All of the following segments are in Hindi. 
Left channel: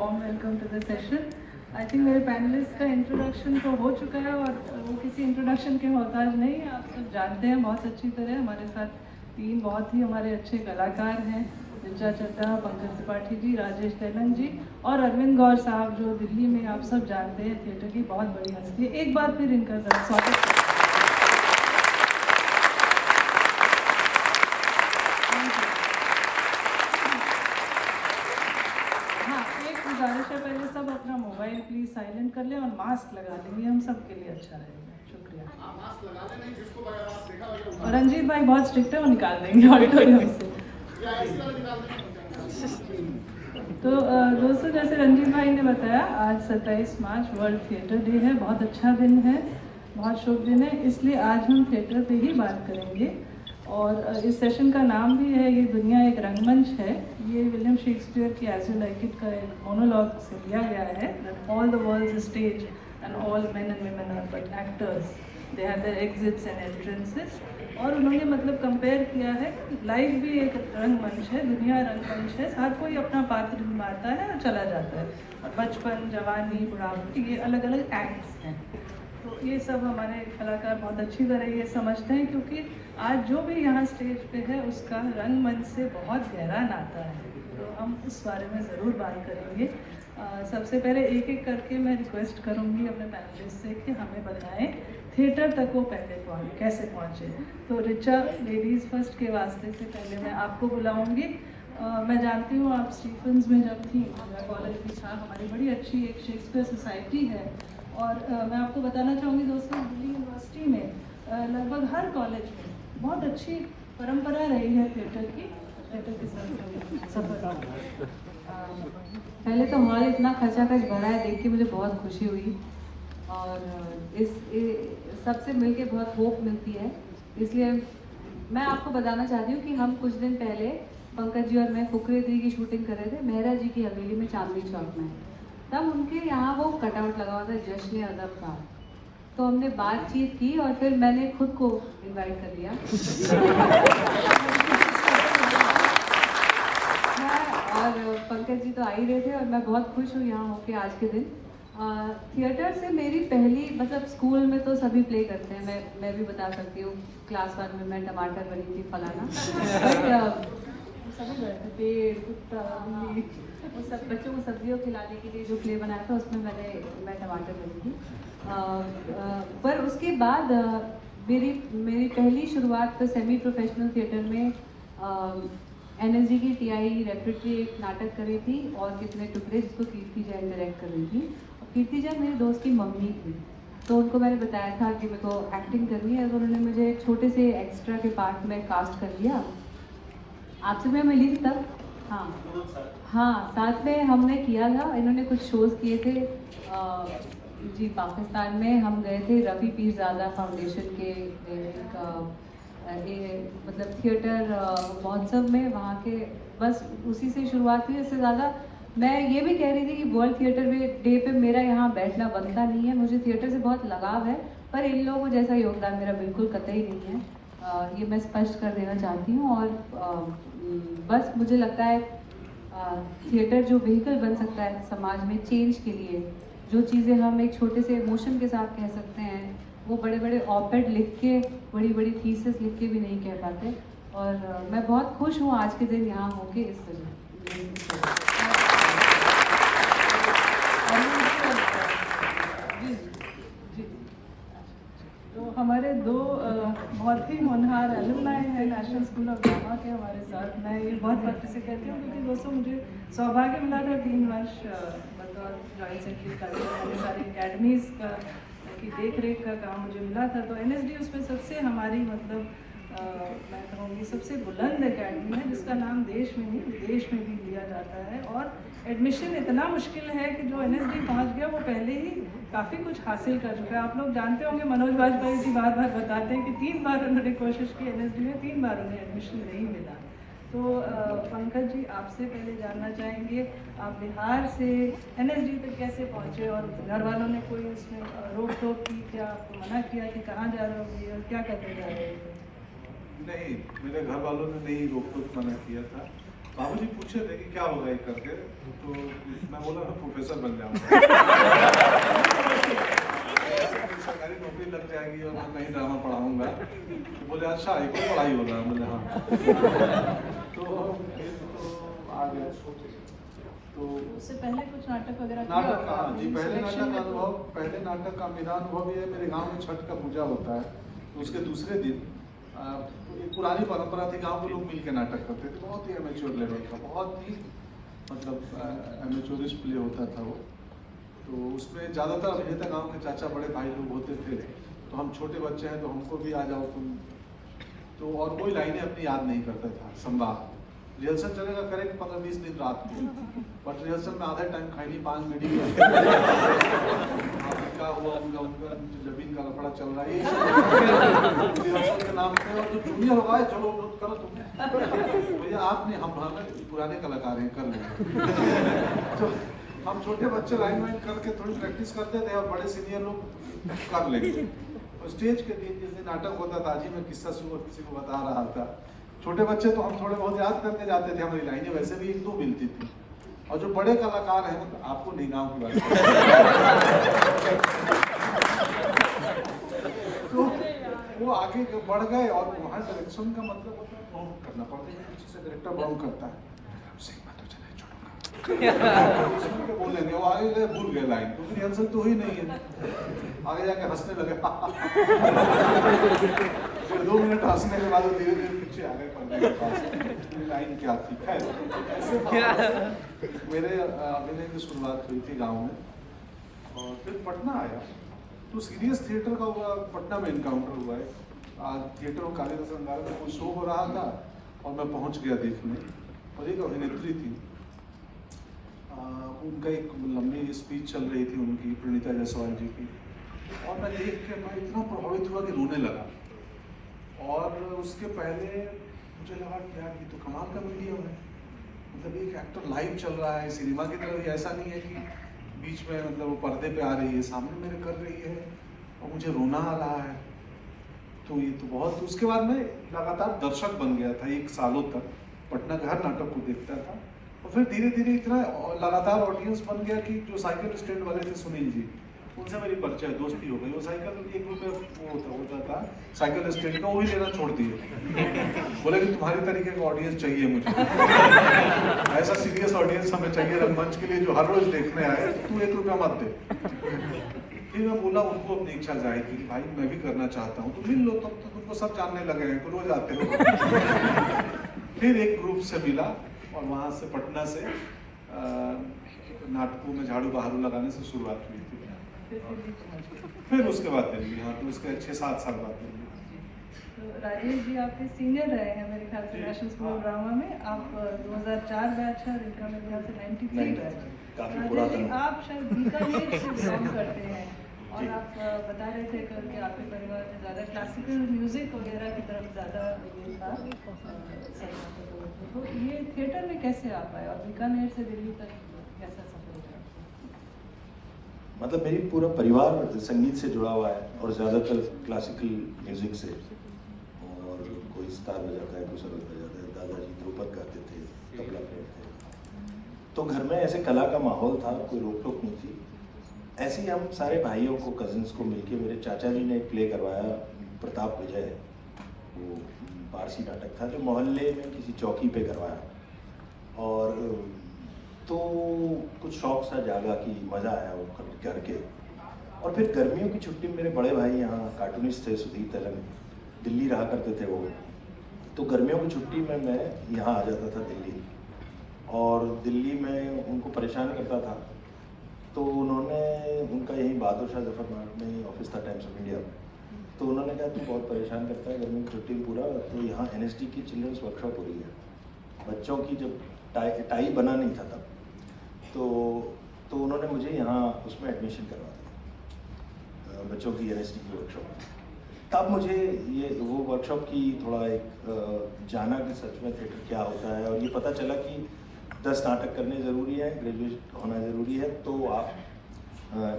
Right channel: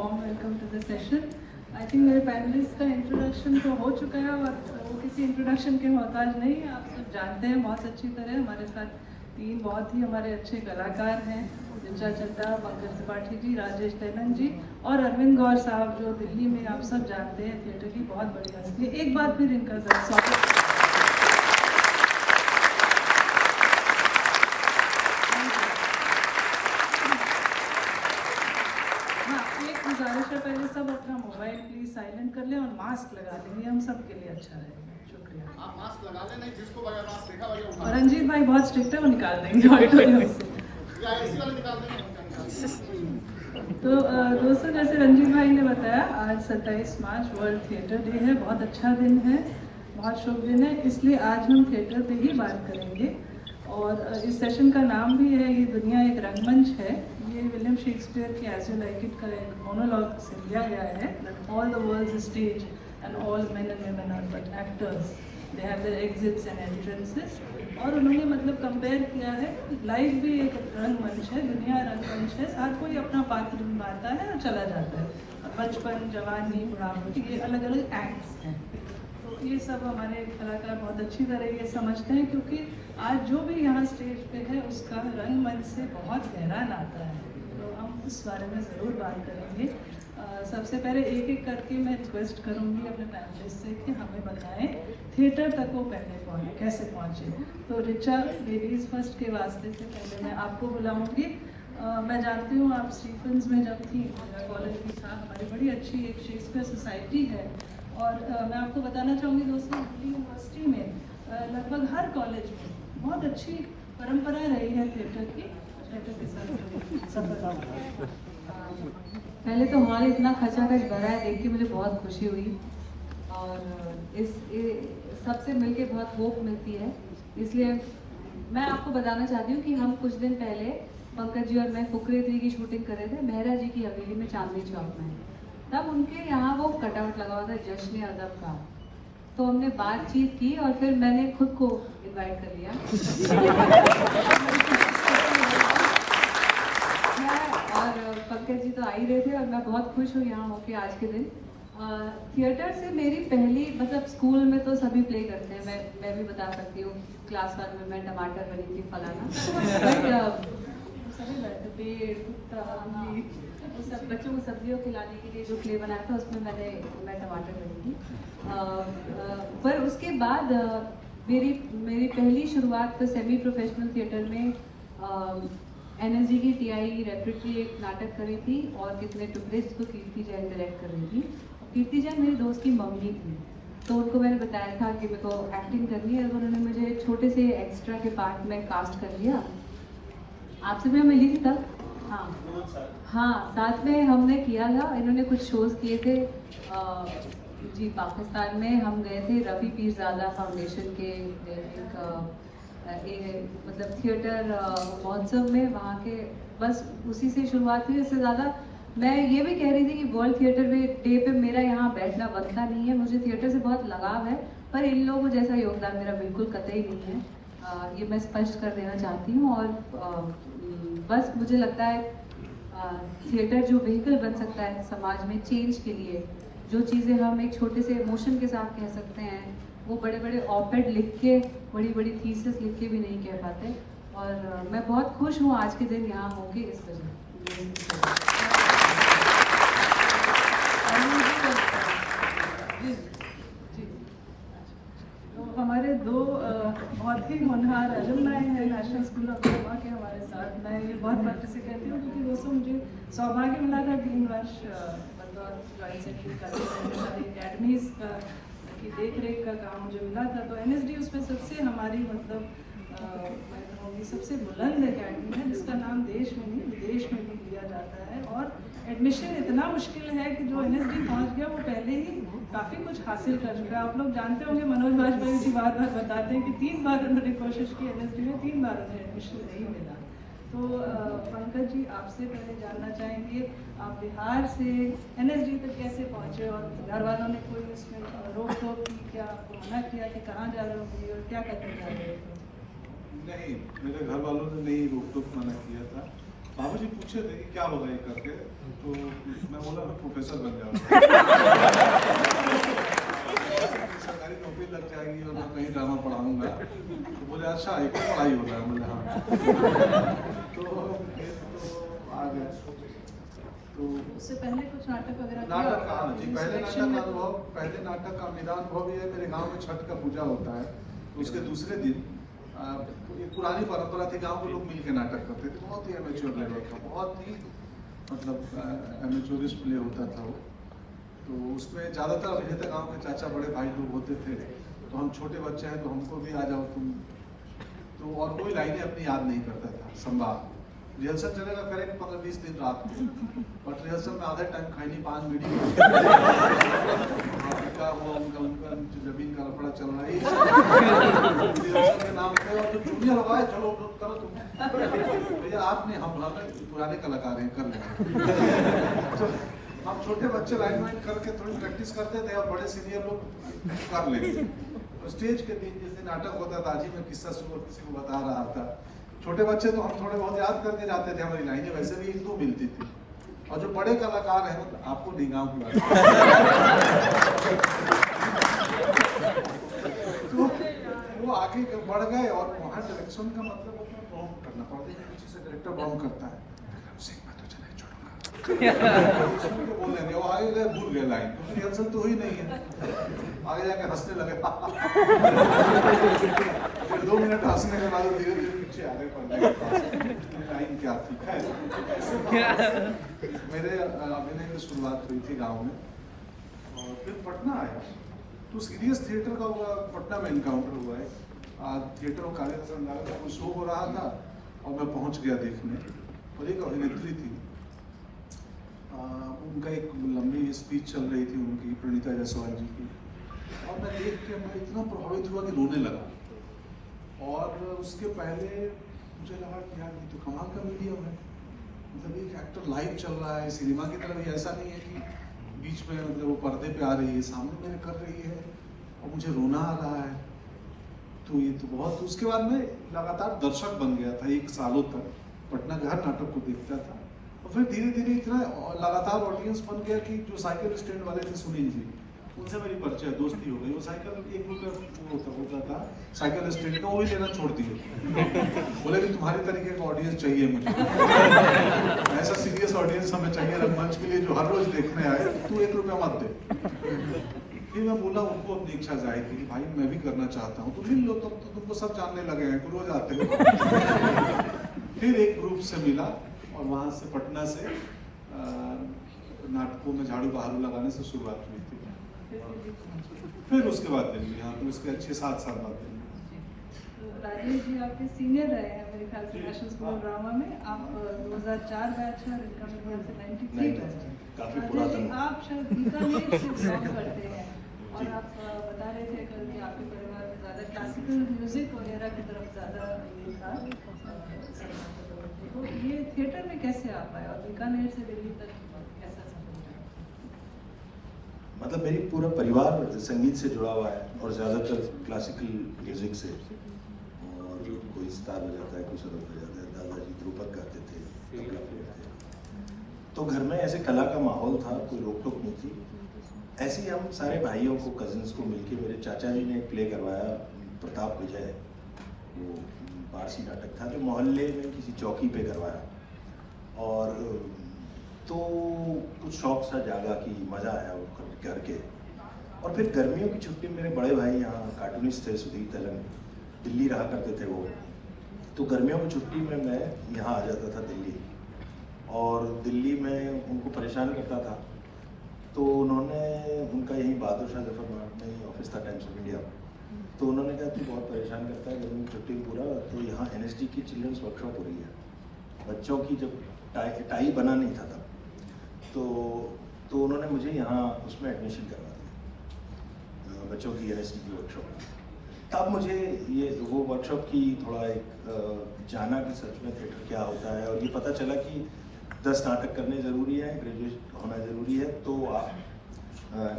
warm welcome to the session. I think मेरे पैनलिस्ट का इंट्रोडक्शन तो हो चुका है और वो किसी इंट्रोडक्शन के मोहताज नहीं है। आप सब जानते हैं बहुत अच्छी तरह। हमारे साथ तीन बहुत ही हमारे अच्छे कलाकार हैं, ऋचा चड्ढा, पंकज त्रिपाठी जी, राजेश तेलन जी और अरविंद गौर साहब, जो दिल्ली में आप सब जानते हैं थिएटर की बहुत बड़ी हस्ती है। एक बार फिर इनका जरा स्वागत। गुजारिश है, पहले सब अपना मोबाइल प्लीज साइलेंट कर ले और मास्क लगा लेंगे, हम सब के लिए अच्छा है। शुक्रिया। मास्क लगा ले, नहीं जिसको मास्क लगा। रंजीत भाई बहुत स्ट्रिक्ट है, वो निकाल देंगे ऑडिटोरियम से। तो दोस्तों, जैसे रंजीत भाई ने बताया, आज 27 मार्च वर्ल्ड थिएटर डे है। बहुत अच्छा दिन है, बहुत शुभ दिन है, इसलिए आज हम थिएटर पे ही बात करेंगे। और इस सेशन का नाम भी है ये दुनिया एक रंगमंच है। ये विलियम शेक्सपियर की एज यू लाइक इट का मोनोलॉग से लिया गया है। All the world stage and all men and women are but actors, they have their exits and entrances. और उन्होंने मतलब कंपेयर किया है, लाइफ भी एक रंगमंच है, दुनिया रंगमंच है। हर कोई अपना पात्र निभाता है और चला जाता है। बचपन, जवानी, बुढ़ापा, ये अलग अलग एक्ट्स हैं। तो ये सब हमारे कलाकार बहुत अच्छी तरह ये समझते हैं, क्योंकि आज जो भी यहाँ स्टेज पे है उसका रंगमंच से बहुत गहरा नाता है। तो हम उस बारे में ज़रूर बात करेंगे। सबसे पहले एक एक करके मैं रिक्वेस्ट करूँगी अपने पैनलिस्ट से कि हमें बताएं थिएटर तक वो पहले कैसे पहुँचे। तो ऋचा, लेडीज़ फर्स्ट के वास्ते से पहले मैं आपको बुलाऊँगी। मैं जानती हूँ आप स्टीफन्स में जब थी, कॉलेज में था, हमारी बड़ी अच्छी एक शेक्सपियर सोसाइटी है। और मैं आपको बताना चाहूँगी दोस्तों, दिल्ली यूनिवर्सिटी में लगभग हर कॉलेज में बहुत अच्छी परंपरा रही है थिएटर की। पहले तो हमारे इतना खर्चा खर्च भरा है, देख के मुझे बहुत खुशी हुई और इस सबसे मिलके बहुत होप मिलती है। इसलिए मैं आपको बताना चाहती हूँ कि हम कुछ दिन पहले पंकज जी और मैं फुकरे 3 की शूटिंग कर रहे थे मेहरा जी की हवेली में, चांदनी चौक में। तब उनके यहाँ वो कटआउट लगा हुआ था जश्न अदब का। तो हमने बातचीत की और फिर मैंने खुद को इनवाइट कर लिया और पंकज जी तो आ ही रहे थे और मैं बहुत खुश हूँ यहाँ होके आज के दिन। थिएटर से मेरी पहली, मतलब स्कूल में तो सभी प्ले करते हैं, मैं भी बता सकती हूँ। क्लास 1 में मैं टमाटर बनी थी, फलाना, बट सभी करते थे, कुत्ता, सब बच्चों को सब्जियों खिलाने के लिए जो प्ले बनाया था उसमें मैं टमाटर बनी थी। पर उसके बाद मेरी पहली शुरुआत तो सेमी प्रोफेशनल थिएटर में NSD की TI रेपरेटरी एक नाटक करी थी और कितने टुकड़े, जिसको कीर्ति जैन डायरेक्ट कर रही थी। कीर्ति जैन मेरे दोस्त की मम्मी थी, तो उनको मैंने बताया था कि मेरे को एक्टिंग करनी है, तो उन्होंने मुझे एक छोटे से एक्स्ट्रा के पार्ट में कास्ट कर लिया। आपसे मैं मिली थी तब, हाँ, साथ में हमने किया था। इन्होंने कुछ शोज किए थे जी पाकिस्तान में। हम गए थे रवि पीरजादा फाउंडेशन के मतलब थिएटर महोत्सव में, वहाँ के बस उसी से शुरुआत हुई। इससे ज़्यादा मैं ये भी कह रही थी कि वर्ल्ड थिएटर डे पे मेरा यहाँ बैठना बनता नहीं है। मुझे थिएटर से बहुत लगाव है, पर इन लोगों जैसा योगदान मेरा बिल्कुल कतई नहीं है। ये मैं स्पष्ट कर देना चाहती हूँ। और बस मुझे लगता है थिएटर जो व्हीकल बन सकता है समाज में चेंज के लिए, जो चीज़ें हम एक छोटे से इमोशन के साथ कह सकते हैं, वो बड़े बड़े ऑपेड लिख के, बड़ी बड़ी थीसिस लिख के भी नहीं कह पाते। और मैं बहुत खुश हूँ आज के दिन यहाँ होके इस वजह। तो हमारे दो बहुत ही होनहार अलुमनाई हैं नेशनल स्कूल ऑफ ड्रामा के हमारे साथ। मैं ये बहुत पक्के से कहती हूँ क्योंकि दोस्तों मुझे सौभाग्य मिला था 3 वर्ष जॉइंट सेक्रेटरी का, सारी अकेडमीज की देख रेख का काम मुझे मिला था। तो NSD उसमें सबसे हमारी मतलब मैं कहूँगी सबसे बुलंद अकेडमी है, जिसका नाम देश में नहीं विदेश में भी लिया जाता है। और एडमिशन इतना मुश्किल है कि जो NSD पहुँच गया वो पहले ही काफ़ी कुछ हासिल कर चुका है। आप लोग जानते होंगे, मनोज वाजपेयी जी बार बार बताते हैं कि 3 बार उन्होंने कोशिश की NSD में, 3 बार उन्हें एडमिशन नहीं मिला। तो पंकज जी, आपसे पहले जानना चाहेंगे, आप बिहार से NSD तक कैसे पहुँचे और घर वालों ने कोई उसमें रोक टोक की क्या, आपको मना किया कि कहाँ जा रहे हो और क्या करने जा रहे थे? नहीं, मेरे घर वालों ने नहीं रोक टोक मना किया था। बाबूजी पूछे थे कि क्या होगा ये करके, तो मैं बोला मैं प्रोफेसर बन जाऊंगा। सरकारी नौकरी लग जाएगी और मैं कहीं ड्रामा पढ़ाऊंगा। तो बोले अच्छा एक पढ़ाई हो रहा है, बोले हाँ। तो आ गए। तो उससे पहले कुछ नाटक वगैरह किया नाटक होगा? हाँ जी, पहले सिलेक्शन नाटक में अनुभव, पहले नाटक का मेरा अनुभव ये है, मेरे गांव में छठ का पूजा होता है, उसके दूसरे दिन एक पुरानी परंपरा थी, गांव के लोग मिलकर नाटक करते थे, बहुत ही एमेच्योर लेवल का, बहुत ही मतलब एमेच्योरिश प्ले होता था वो। तो उसमें ज़्यादातर अभिनेता गांव के चाचा बड़े भाई लोग होते थे, तो हम छोटे बच्चे हैं तो हमको भी आ जाओ तुम, तो और कोई लाइनें अपनी याद नहीं करता था। संवाद रिहर्सल चलेगा करेक्ट 15-20 दिन रात में, बट रिहर्सल में आधा टाइम खाली 5 वीडियो का हुआ, उनका जमीन का लफड़ा चल रहा है, रिहर्सल का नाम है और जूनियर हुआ है, चलो करो तुम, भैया आप नहीं, हम पुराने कलाकार हैं, कर लें। हम छोटे बच्चे लाइन वाइन करके थोड़ी प्रैक्टिस करते थे और बड़े सीनियर लोग कर लेंगे। स्टेज के दिन जिस दिन नाटक होता था, आज ही मैं किस्सा सुनो किसी को बता रहा था, छोटे बच्चे तो हम थोड़े बहुत याद करके जाते थे, हमारी लाइनें वैसे भी 1-2 मिलती थी, और जो बड़े कलाकार हैं आपको नहीं गाँव की तो वो आगे बढ़ गए और वहाँ डायरेक्शन का मतलब अपना बाउंड करना पड़ता है, पीछे से डायरेक्टर बाउंड करता है, बोले वो आगे गए, भूल गए लाइन, क्योंकि रिहर्सल तो ही नहीं है, आगे जाके हंसने लगे। 2 मिनट हंसने के बाद धीरे धीरे पीछे आगे पड़ने लाइन क्या थी। ऐसे मेरे अभिनय की शुरुआत हुई थी गांव में, और फिर पटना आया तो सीरियस थिएटर का पटना में इनकाउंटर हुआ है। थिएटर और काले संग्रहालय का शो हो रहा था और मैं पहुंच गया देखने, और एक अभिनेत्री थी, उनका एक लंबी स्पीच चल रही थी उनकी, प्रणीता जायसवाल जी की, और मैं देख के मैं इतना प्रभावित हुआ कि रोने लगा। और उसके पहले मुझे लगा कि यार ये तो कमाल का वीडियो है, मतलब एक एक्टर लाइव चल रहा है सिनेमा की तरह, ऐसा नहीं है कि बीच में मतलब वो पर्दे पे आ रही है, सामने मेरे कर रही है और मुझे रोना आ रहा है। तो ये तो बहुत, उसके बाद मैं लगातार दर्शक बन गया था 1 सालों तक, पटना के हर नाटक को देखता था, और फिर धीरे धीरे इतना लगातार ऑडियंस बन गया कि जो साइकिल स्टैंड वाले थे सुनील जी, उनसे मेरी परिचय दोस्ती हो गई, और साइकिल एक रुपये होता था साइकिल स्टैंड का, वो भी लेना छोड़ दिए। बोले कि तुम्हारी तरीके का ऑडियंस चाहिए मुझे, ऐसा सीरियस ऑडियंस हमें चाहिए रंगमंच के लिए जो हर रोज देखने आए, तू 1 रुपया मत दे। फिर मैं बोला उनको अपनी इच्छा जाएगी कि भाई मैं भी करना चाहता हूँ, तो मिल लो, तब तो तुमको सब जानने लगे हैं, रोज आते हो। फिर एक ग्रुप से मिला और वहाँ से पटना से नाटकों में झाड़ू बहारू लगाने से शुरुआत हुई थी। फिर उसके बाद दिल्ली, हाँ, तो उसके 6-7 साल बाद दिल्ली। राजेश जी आपके सीनियर रहे हैं मेरे ख्याल से नेशनल स्कूल ड्रामा में, आप 2004 बैच है, 93 बैच। राजेश जी आप शायद बीकानेर से बिलोंग करते हैं, और आप बता रहे थे कल कि आपके परिवार में ज़्यादा क्लासिकल म्यूजिक वगैरह की तरफ ज़्यादा ये था, तो ये थिएटर में कैसे आता है और बीकानेर से दिल्ली तक कैसा सफर हुआ? मतलब मेरी पूरा परिवार संगीत से जुड़ा हुआ है, और ज़्यादातर क्लासिकल म्यूजिक से, और कोई स्टार हो जाता है, कुछ अलग हो जाता है। दादाजी ध्रुपद गाते थे, तबला प्लेयर थे, तो घर में ऐसे कला का माहौल था, कोई रोक टोक नहीं थी। ऐसे ही हम सारे भाइयों को, कजिन्स को मिलके, मेरे चाचा जी ने एक प्ले करवाया, प्रताप विजय, वो पारसी नाटक था जो मोहल्ले में किसी चौकी पे करवाया, और तो कुछ शौक सा जागा कि मज़ा आया वो करके। और फिर गर्मियों की छुट्टी में मेरे बड़े भाई यहाँ कार्टूनिस्ट थे, सुधीर तेलंग, दिल्ली रहा करते थे वो, तो गर्मियों की छुट्टी में मैं यहाँ आ जाता था दिल्ली, और दिल्ली में उनको परेशान करता था। तो उन्होंने, उनका यही बहादुर शाह जफर मार्ट में ही ऑफिस था, टाइम्स ऑफ इंडिया, तो उन्होंने कहा तू बहुत परेशान करता है गर्मी की छुट्टी पूरा, तो यहाँ NSD की चिल्ड्रंस वर्कशॉप हो रही है, बच्चों की, जब टाई बना नहीं था तब, तो उन्होंने मुझे यहाँ उसमें एडमिशन करवा दिया, बच्चों की NSD की वर्कशॉप। तब मुझे ये वो वर्कशॉप की थोड़ा एक जाना कि सच में थिएटर क्या होता है, और ये पता चला कि 10 नाटक करने ज़रूरी है, ग्रेजुएट होना ज़रूरी है, तो आप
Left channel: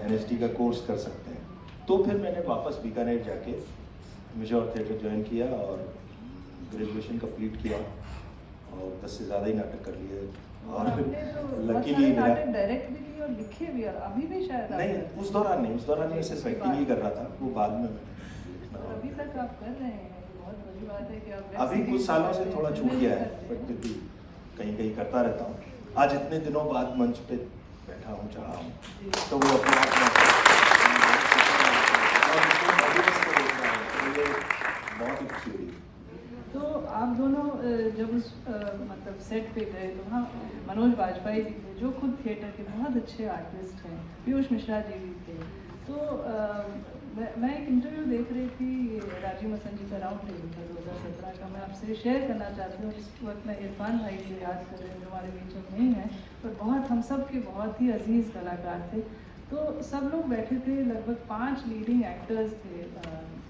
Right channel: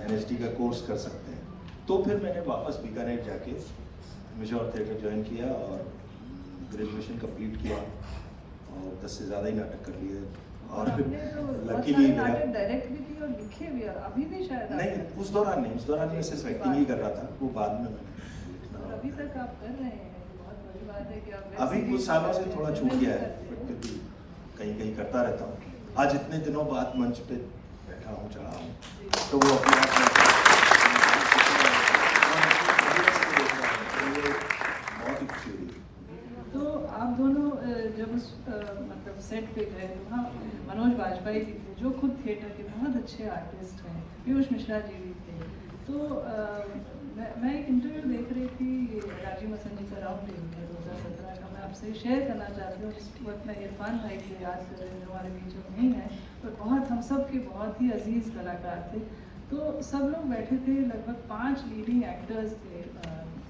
NSD का कोर्स कर सकते हैं। तो फिर मैंने वापस बीकानेर जाके म्यूजिक और थिएटर ज्वाइन किया और ग्रेजुएशन कंप्लीट किया, और 10 से ज़्यादा ही नाटक कर लिए और आपने तो बहुत लकीली सारे नाटक डायरेक्ट भी किए और लिखे भी, अभी भी शायद नहीं, आप- उस दौरान नहीं, उस दौरान मैं सिर्फ एक्टिंग ही कर रहा था, वो बाद में अभी तक आप कर रहे हैं, बहुत बड़ी बात है कि आप अभी कुछ सालों से थोड़ा छूट गया है, क्योंकि कहीं कहीं करता रहता हूँ। आज इतने दिनों बाद मंच पे बैठा हूँ, चढ़ा हूँ, तो वो अपने आप में बहुत ही खुशी हुई। तो आप दोनों जब उस मतलब सेट पे गए वहाँ मनोज बाजपेयी जी थे जो खुद थिएटर के बहुत अच्छे आर्टिस्ट हैं, पीयूष मिश्रा जी भी थे। तो मैं एक इंटरव्यू देख रही थी राजीव मसन जी का राउंड टेबल 2017 का, मैं आपसे शेयर करना चाहती हूँ। इस वक्त में इरफान भाई को याद करने वाले बीच में नहीं है, पर बहुत हम सब के बहुत ही अजीज कलाकार थे। तो सब लोग बैठे थे, लगभग 5 लीडिंग एक्टर्स थे,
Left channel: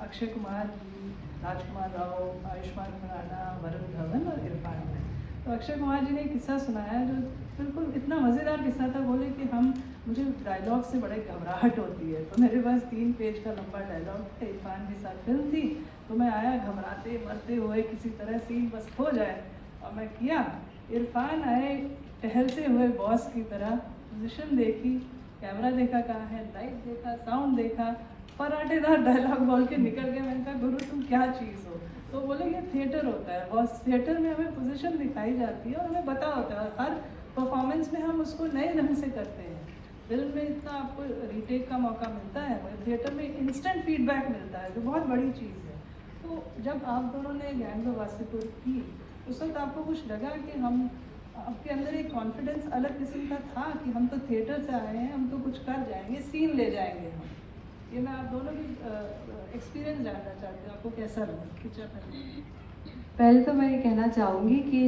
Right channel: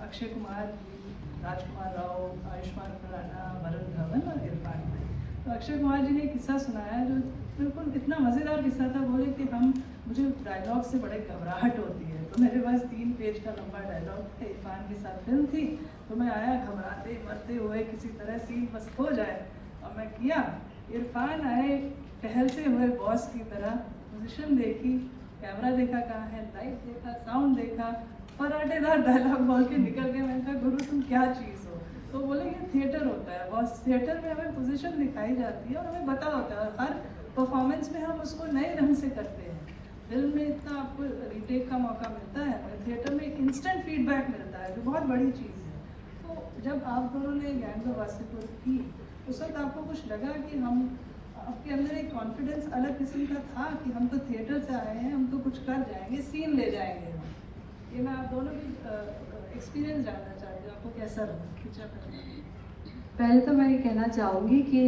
अक्षय कुमार जी, राजकुमार राव, आयुष्मान खुराना, वरुण धवन और इरफान भाई। तो अक्षय कुमार जी ने एक किस्सा सुनाया जो बिल्कुल इतना मज़ेदार किस्सा था। बोले कि मुझे डायलॉग से बड़े घबराहट होती है, तो मेरे पास 3 पेज का लंबा डायलॉग था, इरफान के साथ फिल्म थी, तो मैं आया घबराते मरते हुए, किसी तरह सीन बस हो जाए, और मैं किया। इरफान आए टहलते हुए बॉस की तरह, पोजीशन देखी, कैमरा देखा कहाँ है, लाइट देखा, साउंड देखा, पराठेदार डायलॉग बोल के निकल गए। मैंने कहा गुरु तुम क्या चीज़ हो? तो बोले ये थिएटर होता है बॉस, थिएटर में हमें पोजीशन दिखाई जाती है और हमें पता होता है, और हर परफॉर्मेंस में हम उसको नए ढंग से करते हैं। फिल्म में इतना आपको रीटेक का मौका मिलता है, थिएटर में इंस्टेंट फीडबैक मिलता है, जो बहुत बड़ी चीज़ है। तो जब आप दोनों ने गैंग ऑफ वासेपुर की, उस वक्त आपको कुछ लगा कि हम, आपके अंदर एक कॉन्फिडेंस अलग किस्म का था कि हम तो थिएटर से आए हैं, हम तो कुछ कर जाएंगे, सीन ले जाएंगे हम। ये मैं आप दोनों की एक्सपीरियंस जानना चाहती हूँ, आपको कैसा लगा पिक्चर करने? पहले तो मैं ये कहना चाहूँगी कि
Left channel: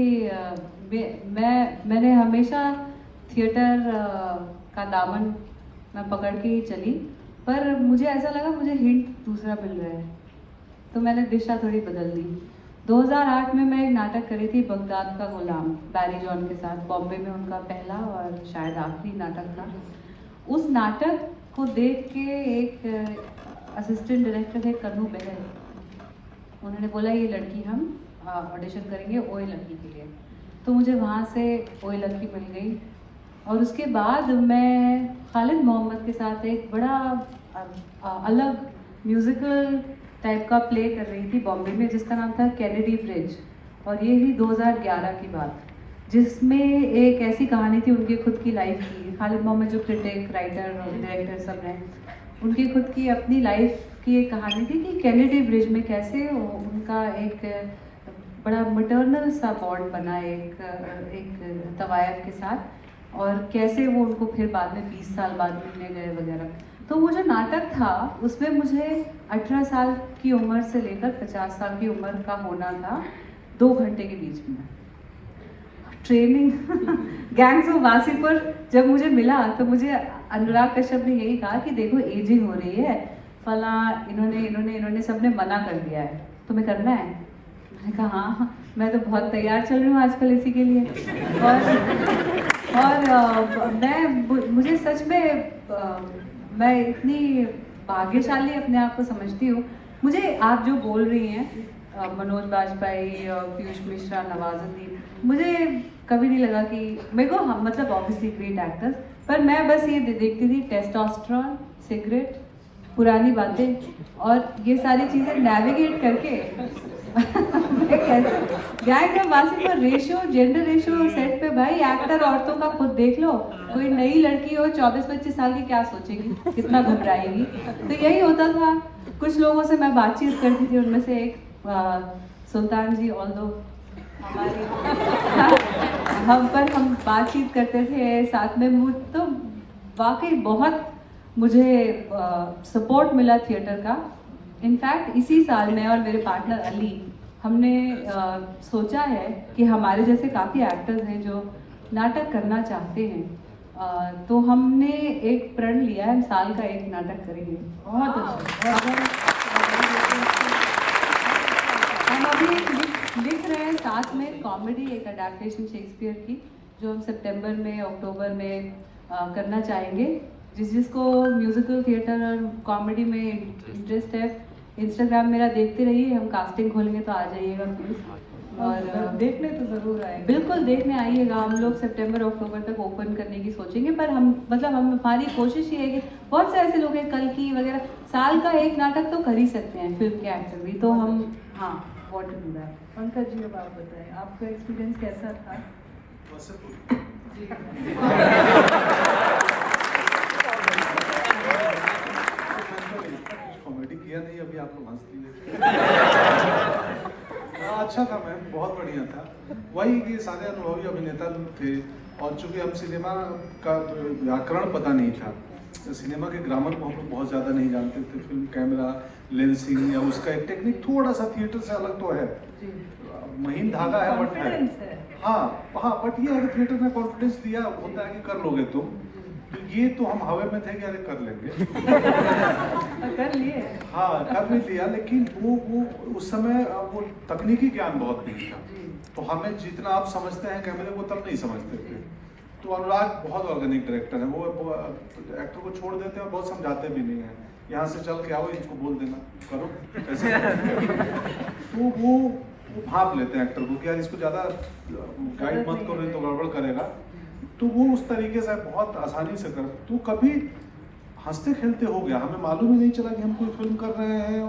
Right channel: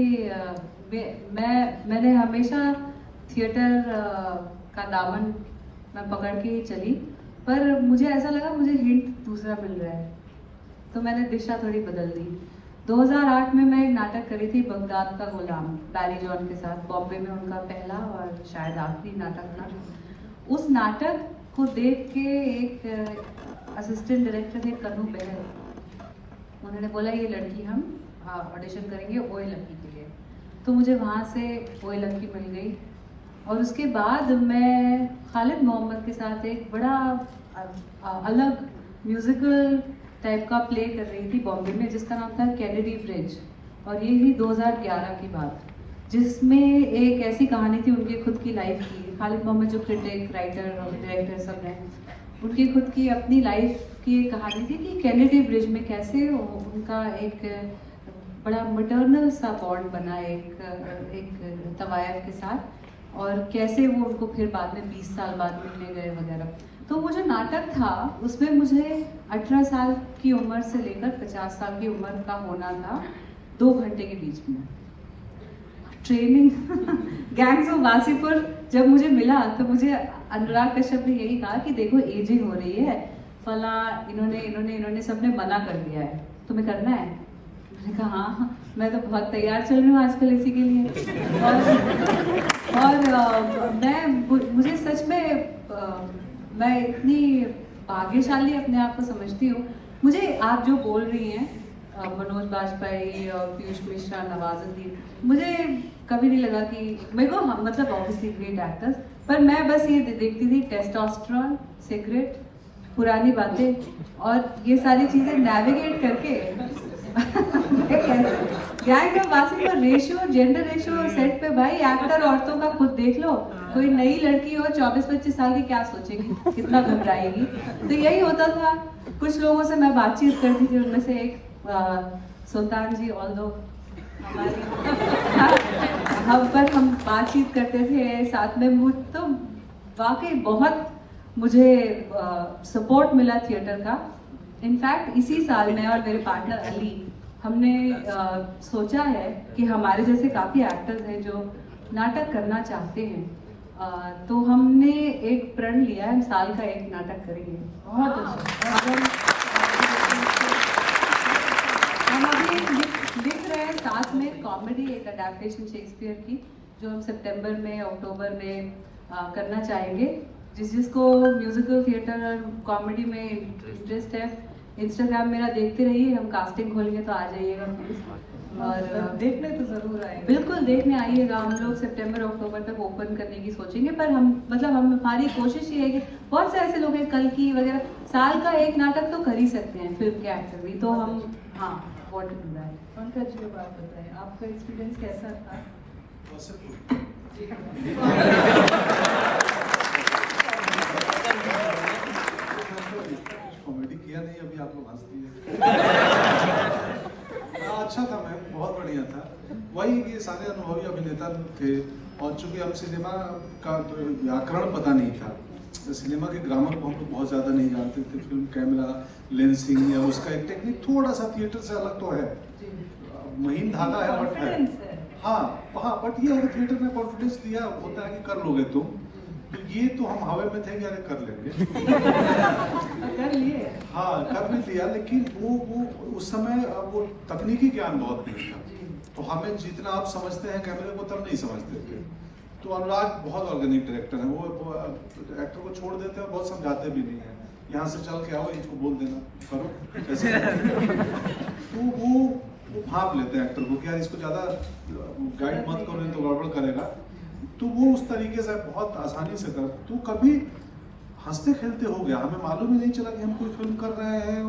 मैंने हमेशा थिएटर का दामन मैं पकड़ के ही चली, पर मुझे ऐसा लगा मुझे हिंट दूसरा मिल रहा है, तो मैंने दिशा थोड़ी बदल दी। 2008 में मैं एक नाटक करी थी, बगदाद का गुलाम, बैरी जॉन के साथ, बॉम्बे में उनका पहला और शायद आखिरी नाटक था। उस नाटक को देख के एक असिस्टेंट डायरेक्टर थे कन्नू बहल, उन्होंने बोला ये लड़की हम ऑडिशन करेंगे ओए लकी के लिए, तो मुझे वहाँ से ओए लकी मिल गई। और उसके बाद मैं खालिद मोहम्मद के साथ एक बड़ा अलग म्यूज़िकल टाइप का प्ले कर रही थी बॉम्बे में, जिसका नाम था कैनेडी ब्रिज, और ये थी 2011 की बात, जिसमें एक ऐसी कहानी थी उनकी खुद की लाइफ की। खालिद मोहम्मद जो क्रिटिक, राइटर और डायरेक्टर सब हैं, उनकी खुद की अपनी लाइफ की एक कहानी थी कि कैनेडी ब्रिज में कैसे उनका एक बड़ा मटर्नल सा बॉन्ड बना एक तवायफ के साथ, और कैसे वो उनको फिर बाद में 20 साल बाद मिलने गए वगैरह। तो वो जो नाटक था उसमें मुझे 18 साल की उम्र से लेकर 50 साल की उम्र का होना था, 2 घंटे के बीच में ट्रेनिंग। गैंग्स ऑफ वासेपुर जब मुझे मिला तो मुझे अनुराग कश्यप ने यही कहा कि देखो एजिंग हो रही है, फला इन्होंने सबने मना कर दिया है, तुम्हें करना है? मैंने कहा हाँ, मैं तो बहुत तैयार चल रही हूँ आजकल इसी के लिए। और मुझे सच में मैं इतनी भाग्यशाली अपने आप को समझती हूँ। मुझे आप जो बोल रही हैं मनोज बाजपेयी, पीयूष मिश्रा, नवाजुद्दीन, मुझे कभी नहीं लगा कि मेरे को, हाँ मतलब ऑब्वियसली ग्रेट एक्टर्स, पर मैं बस ये देखती थी टेस्टोस्टेरोन, सिगरेट, पुरानी बातें और ये सारी चीज़ें नेविगेट करके गैंग में Wasseypur ratio, gender ratio set पे भाई एक्टर औरतों का खुद देख लो, कोई नई लड़की हो 24-25 साल की क्या सोचेगी, कितना घबराएगी। तो यही होता था। कुछ लोगों से मैं बातचीत करती थी, उनमें से एक सुल्तान जी, ऑल्दो हमारी हम बातचीत करते थे साथ में, तो वाकई बहुत मुझे सपोर्ट मिला थिएटर का। इनफैक्ट इसी साल मैं और मेरे पार्टनर अली, हमने सोचा है कि हमारे जैसे काफ़ी एक्टर्स हैं जो नाटक करना चाहते हैं, तो हमने एक प्रण लिया है, हम साल का एक नाटक करेंगे। बहुत अच्छा। हम अभी लिख रहे हैं साथ में कॉमेडी, एक अडैप्टेशन शेक्सपियर की, जो हम सितंबर में, अक्टूबर में करना चाहेंगे। जिसको म्यूजिकल थिएटर और कॉमेडी में इंटरेस्ट है, इंस्टाग्राम मेरा देखते रहिए, हम कास्टिंग खोलेंगे तो आ जाइएगा प्लीज़। और देखने तो जरूर आएंगे। बिल्कुल देखने आइएगा। हम लोग सितंबर अक्टूबर तक ओपन करने की सोचेंगे, पर हम मतलब हमारी कोशिश ये है कि बहुत से ऐसे लोग हैं कल की वगैरह साल का एक नाटक तो कर ही सकते हैं फिल्म के एक्टर भी, तो हम हाँ what to do that. Pankaj ji आप बताएं, आपका एक्सपीरियंस कैसा था? कॉमेडी किया नहीं, अभी आप लोग हंस दिए। अच्छा था, मैं बहुत बढ़िया था। वही कि सारे अनुभवी अभिनेता लोग थे, और चूंकि हम सिनेमा का व्याकरण पता नहीं था, तो सिनेमा के ग्रामर को हम लोग बहुत ज्यादा नहीं जानते थे। फिल्म कैमरा लेंसिंग या उसका एक टेक्निक थोड़ा सा थिएटर से अलग तो है, महीन धागा है बट है। Confidence है। हाँ बट ये अगर थिएटर में कॉन्फिडेंस दिया होता है कि कर लोगे तुम, तो ये तो हम हवा में थे कि अरे कर लेंगे। कर लिए। हाँ कर भी लिया, लेकिन वो उस समय वो तकनीकी ज्ञान बहुत नहीं था, तो हमें जितना आप समझते हैं कैमरे को तब नहीं समझते थे। तो अनुराग बहुत ऑर्गेनिक डायरेक्टर है, वो एक्टर को छोड़ देते हैं, बहुत समझाते भी नहीं है, यहाँ से चल के आओ, इसको बोल देना करो ऐसे। तो वो भाप लेते हैं एक्टर को कि यार इसको ज्यादा गाइड मत करो नहीं तो गड़बड़ करेगा, तो वो उस तरीके से बहुत आसानी से कर, तो कभी हंसते खेलते हो गया, हमें मालूम ही नहीं चला कि हम कोई फिल्म कर रहे हैं।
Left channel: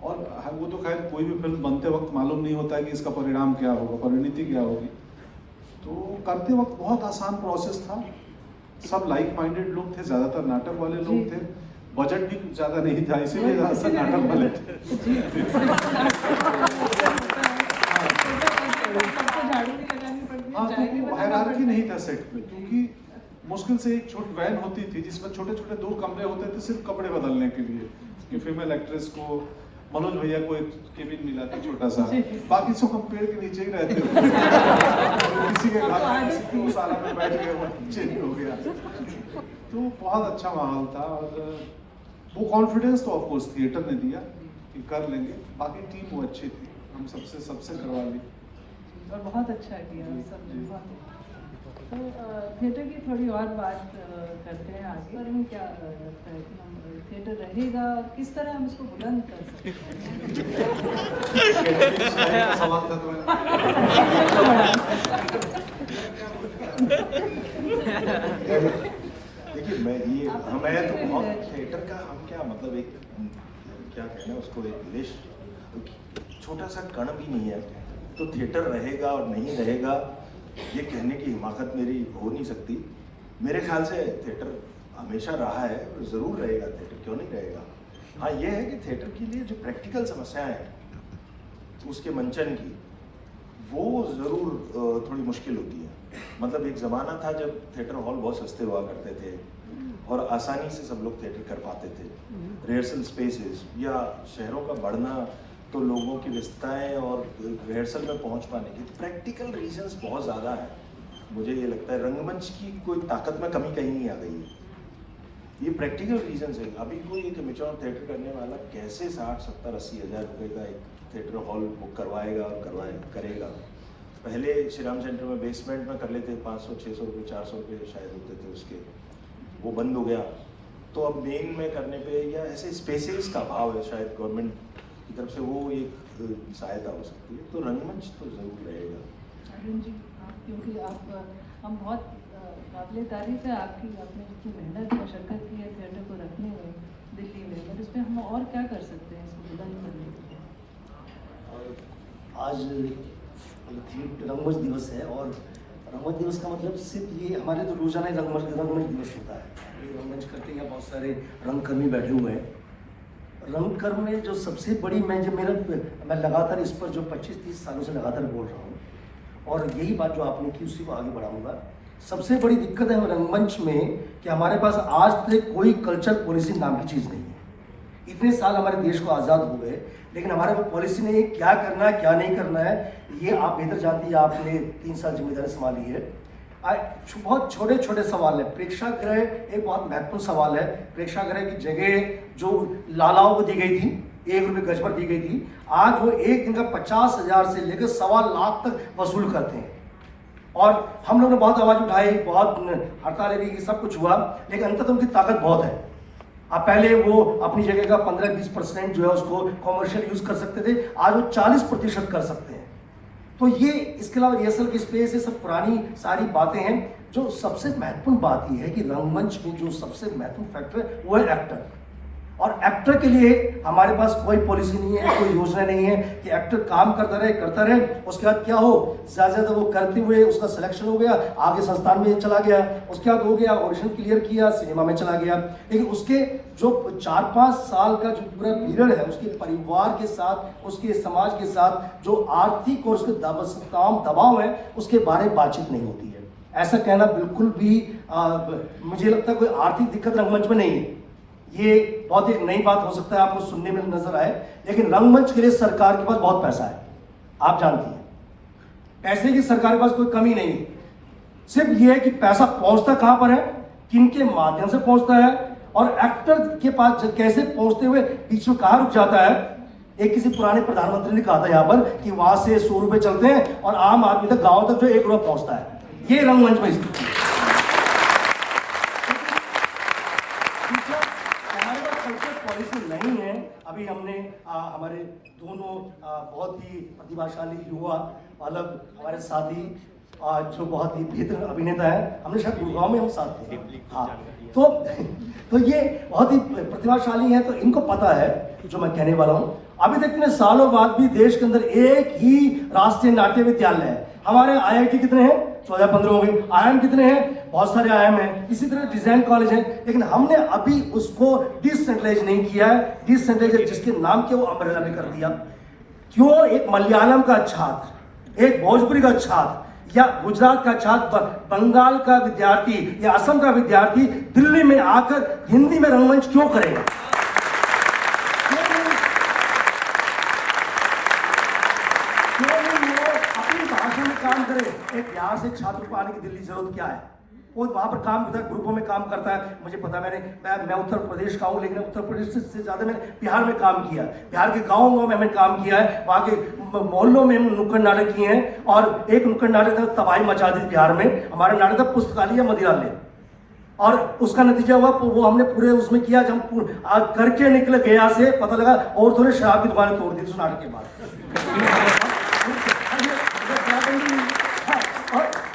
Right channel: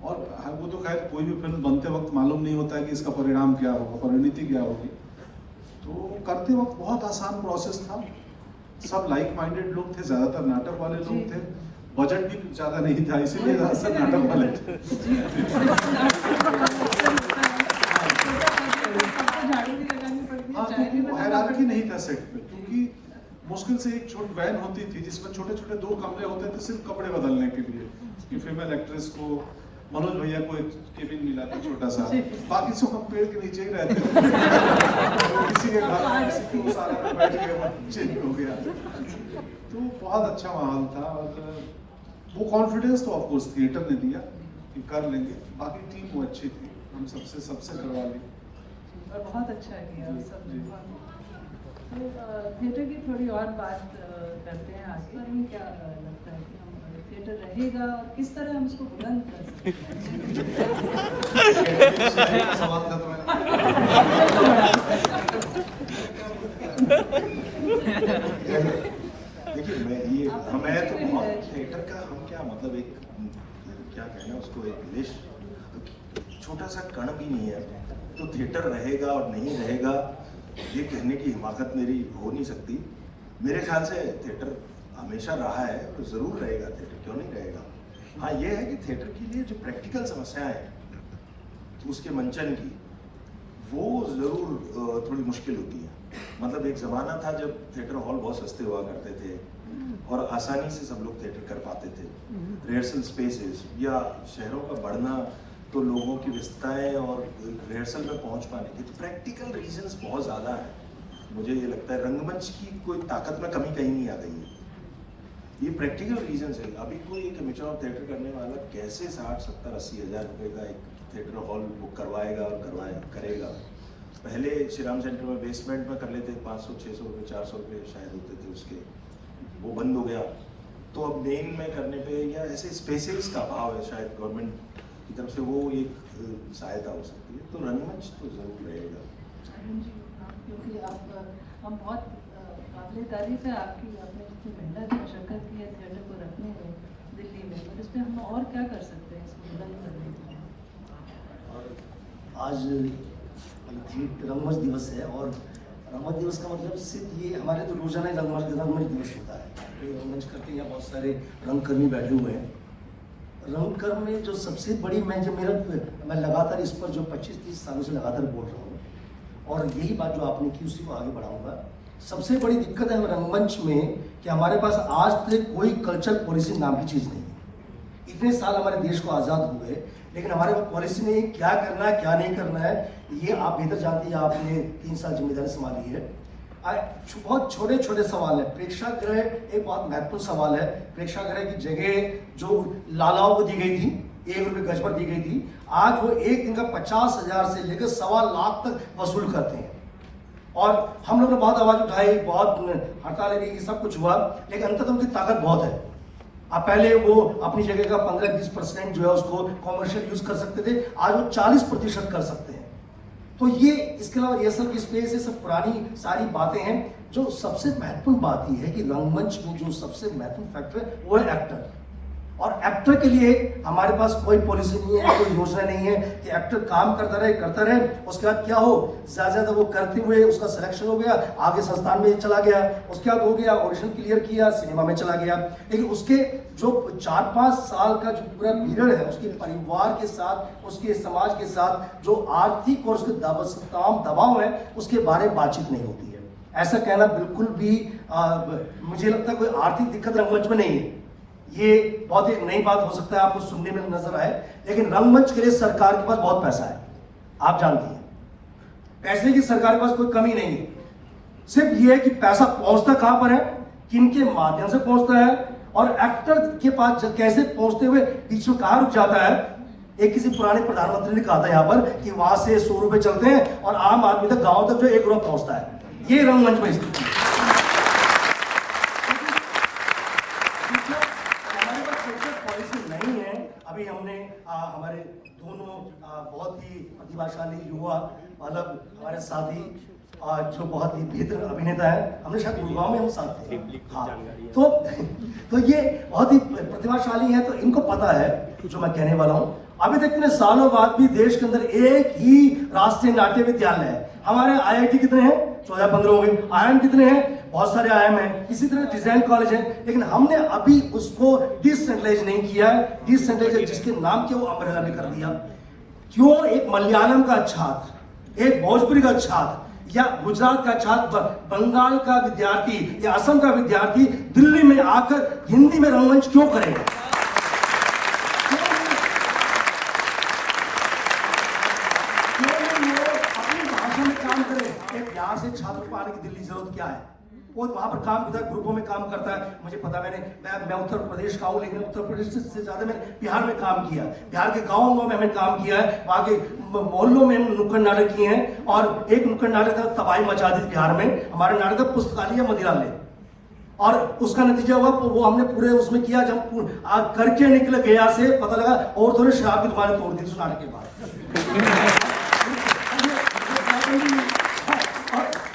और वो तो खैर कोई भी फिल्म बनते वक्त मालूम नहीं होता है कि इसका परिणाम क्या होगा, परिणति क्या होगी। तो करते वक्त बहुत आसान प्रोसेस था, सब लाइक माइंडेड लोग थे, ज्यादातर नाटक वाले लोग थे, बजट भी ज्यादा नहीं था, इसीलिए ज्यादातर नाटक वाले थे। हाँ, तो हायरार्की नहीं था सेट पे, क्योंकि मुश्किल से एक छोटी वैन होती थी जिसमें छोटे छोटे 2 कमरे होते थे सिर्फ कपड़े बदलने के लिए, कि फीमेल एक्ट्रेस को मनोज भैया को एक केबिन मिला था छोटा सा, बाकी सब हम पेड़ के नीचे ही रहते थे। किसी के घर किसी के सारा में बैठ गया, चेंज हो गया। तो बहुत अच्छा माहौल था, और वो कॉन्फिडेंस तो ऑफकोर्स थिएटर ने दिया कि कर लेंगे, बाकी टीम वो अच्छी थी, हम सबसे करवा ली और बहुत अच्छा किया सब। तो थिएटर की थोड़ी और बात करते हैं आगे। हमें क्या लगता है कि थिएटर रहेगा और किस तरह हम इसको बुलंद कर सकते देखिए मैं तो थिएटर का हम क्या मतलब एक क्या कहना उसको, एक विदेश छोटा सा कण भी नहीं है, तो थिएटर रहेगा और नहीं रहेगा ये कहने की हिमाकत मेरी हो नहीं सकती। मेरे ख्याल से थिएटर हमेशा रहा है, तो जरूर रहेगा थिएटर, क्यों नहीं रहेगा। हाँ ये है कि थिएटर के लिए जो प्रैक्टिकल समस्याएं हैं उसके मंचन की, वो जरूर थोड़ी मुश्किल होती है। मतलब एक जमाना था जब थिएटर हॉल बहुत सस्ते हुआ करते थे और आसानी से सब लोग थिएटर कर पाते थे, रिहर्सल स्पेसेस या शहरों का बढ़ना, तो लोगों की व्यस्तताएं और रिहर्सल में पहुंच पाने की प्रैक्टिकल रीजंस बहुत ज़्यादा है। मुझे ये लगता है रंगमंच की कोई ताकत में कमी कहीं नहीं आ गई है, ये प्रैक्टिकल रीजंस है। अभी कोई एक एमेच्योर थिएटर करने वाला कैसे 60-70-80 हज़ार रुपये का एक थिएटर हॉल बुक करवाएगा और करेगा। पहले श्री राम सेंटर में बेसमेंट में कर लेते, 500-600 रुपये 400 रुपये शायद होते थे उसके, वो बंद हो गया। तो अब मेन में करने पे या ऐसे स्पेसेस का अभाव है, शायद गवर्नमेंट की तरफ से वो एक सहायता हो सकती है, तो रंगमंच तो जरूर रहेगा। अरुण जी, क्योंकि हम बहुत आपने तारीफ है आपकी, आपने जितनी मेहनत मशक्कत की है थिएटर को रखने में दिल्ली में, और इसमें हम और क्या कर सकते हैं इसको बुलंद करने के लिए? आज रंगमंच दिवस है, और रंगमंच दिवस का मतलब सिर्फ ये हमारे तो रोजाना ही रंगमंच दिवस होता है। रंगमंच करके यहाँ बहुत सारे रंगकर्मी बैठे हुए हैं। रंगकर्म में जो सबसे बड़ी मैं लगातार इस पर जो 25-30 सालों से लगातार बोल रहा हूँ, और यही बात जो आपने की उसी को आगे बढ़ाऊंगा। सबसे बड़ी दिक्कत है रंगमंच में कि हमारे पास आज तक कोई कल्चर पॉलिसी नाम की चीज़ नहीं है। इतने साल हमारे देश को आज़ाद हुए, लेकिन हमारे पास पॉलिसी नहीं है, क्या करना है क्या नहीं करना है ये आप बेहतर जानती है, आपने 3 साल जिम्मेदारी संभाली है। बहुत छोटे छोटे सवाल है। प्रेक्षागृह एक बहुत महत्वपूर्ण सवाल है। प्रेक्षागृह की जगह जो लालाओं को दी गई थी, 1 रुपये गज पर दी गई थी, आज वो एक दिन का 50,000 से लेकर 1.25 लाख तक वसूल करते हैं। और हम लोग ने बहुत आवाज उठाई, बहुत हड़ताल की, सब कुछ हुआ, लेकिन अंततः उनकी ताकत बहुत है। अब पहले वो अपनी जगह का 15-20% जो है उसको कॉमर्शियल यूज कर सकते थे, आज वो 40% कर सकते हैं। तो ये इसके अलावा रिहर्सल की स्पेस, ये सब पुरानी सारी बातें हैं। जो सबसे महत्वपूर्ण बात ये है कि रंगमंच में जो सबसे महत्वपूर्ण फैक्टर है वो है एक्टर। और एक्टर के लिए हमारे पास कोई पॉलिसी नहीं है, कोई योजना नहीं है कि एक्टर काम करता रहे, उसके बाद क्या हो, ज्यादा वो करते हुए उसका सिलेक्शन हो गया, आगे संस्थान में चला गया, उसके बाद हो गया ऑडिशन क्लियर किया, सिनेमा में चला गया। लेकिन उसके जो 4-5 साल का जो पूरा पीरियड है, उसके परिवार के साथ, उसके समाज के साथ जो आर्थिक और उसके दबाव है, उसके बारे में बातचीत नहीं होती है। ऐसा कहना बिल्कुल भी मुझे लगता है कोई आर्थिक दिक्कत रंगमंच में नहीं है। ये बहुत एक नई बात हो सकता है, आपको सुनने में नजर आए, लेकिन रंगमंच के लिए सरकार के पास बहुत पैसा है, आप जानती हैं। पैसे की सरकार के पास कोई कमी नहीं है, सिर्फ ये है कि पैसा पहुंचता कहां पर है, किनके माध्यम से पहुंचता है, और एक्टर के पास कैसे पहुंचते हुए बीच में कहां रुक जाता है। एक किसी पुराने प्रधानमंत्री ने कहा था यहाँ पर कि वहां से 100 रुपए चलते हैं और आम आदमी तक, गांव तक जो 1 रुपया पहुंचता है। ये रंगमंच में स्थिति है। अभी हमने हमारे दोनों बहुत ही प्रतिभाशाली युवा बालक हमारे साथी जो बहुत ही बेहतर अभिनेता है, हमने शायद गुड़गांव में हम साथ थे। हाँ, तो ये बहुत ही प्रतिभाशाली है, तो इनको पता है जो मैं कहने वाला हूँ। अभी तक इतने सालों बाद भी देश के अंदर एक ही राष्ट्रीय नाट्य विद्यालय है। हमारे IIT कितने हैं? 14-15 हो गए। IIM कितने हैं? बहुत सारे IIM हैं। इसी तरह डिजाइन कॉलेज है, लेकिन हमने अभी उसको डिसेंट्रलाइज नहीं किया है। डिसेंट्रलाइज जिसके नाम के वो अम्ब्रेला में कर दिया। क्यों? एक मलयालम का छात्र, एक भोजपुरी का छात्र, या गुजरात का छात्र, बंगाल का विद्यार्थी या असम का विद्यार्थी दिल्ली में आकर हिंदी में रंगमंच क्यों करेगा? काम करे। एक बिहार से छात्र को आने की दिल्ली जरूरत क्या है? वो वहां पर काम करता है, ग्रुपों में काम करता है। मुझे पता, मैं उत्तर प्रदेश का हूँ, लेकिन उत्तर प्रदेश से ज्यादा मैं बिहार में काम किया, बिहार के गाँवों में मैंने काम किया है, वहाँ के मोहल्लों में नुक्कड़ नाटक किए हैं। और एक नुक्कड़ नाटक का तबाही मचा दी बिहार में, हमारे नाटक का पुस्तकालय मंदिरालय, और उसका नतीजा हुआ वो हमने पूरे उसमें किया। जब करके निकले गया से, पता लगा और थोड़े शराब की दुकान तोड़ दी उस नाटक के बाद।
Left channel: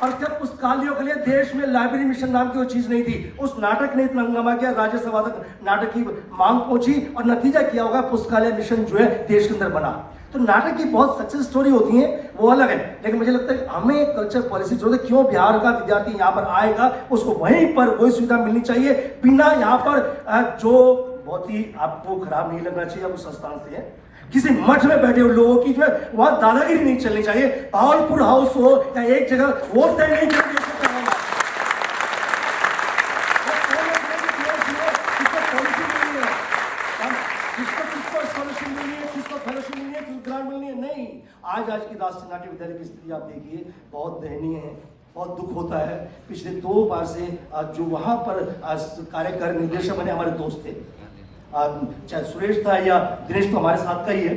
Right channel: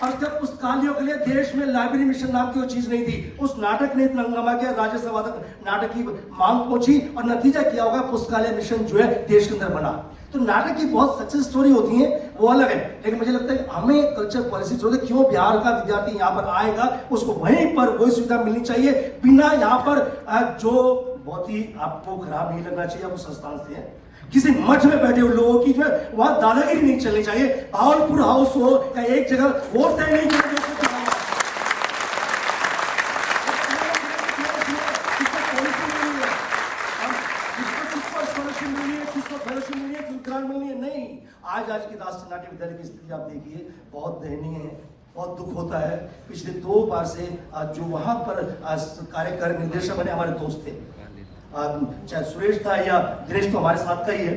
और जब पुस्तकालयों के लिए देश में लाइब्रेरी मिशन नाम की वो चीज नहीं थी, उस नाटक ने इतना हंगामा किया, राज्यसभा तक नाटक की मांग पहुंची, और नतीजा क्या होगा, पुस्तकालय मिशन जो है देश के अंदर बना। तो नाटक की बहुत सक्सेस स्टोरी होती है, वो अलग है, लेकिन मुझे लगता है हमें कल्चर पॉलिसी जो है, क्यों बिहार का विद्यार्थी यहाँ पर आएगा, उसको वहीं पर वही सुविधा मिलनी चाहिए, बिना यहाँ पर जो बहुत ही आपको खराब नहीं लगना चाहिए, वो संस्थान से है, किसी मठ में बैठे हुए लोगों की जो है वहां दादागिरी नहीं चलनी चाहिए। भावलपुर हाउस हो या एक जगह वोट तय नहीं किया, नहीं। आज की राष्ट्रीय नाट्य विद्यालय की स्थिति आप देखिए, बहुत दयनीय है, बहुत दुख होता है। पिछले 2 बार से जो वहां पर कार्यक्रम निर्देशक बने हमारे दोस्त थे, चाहे सुरेश था या दिनेश, तो हमारे साथ का ही है।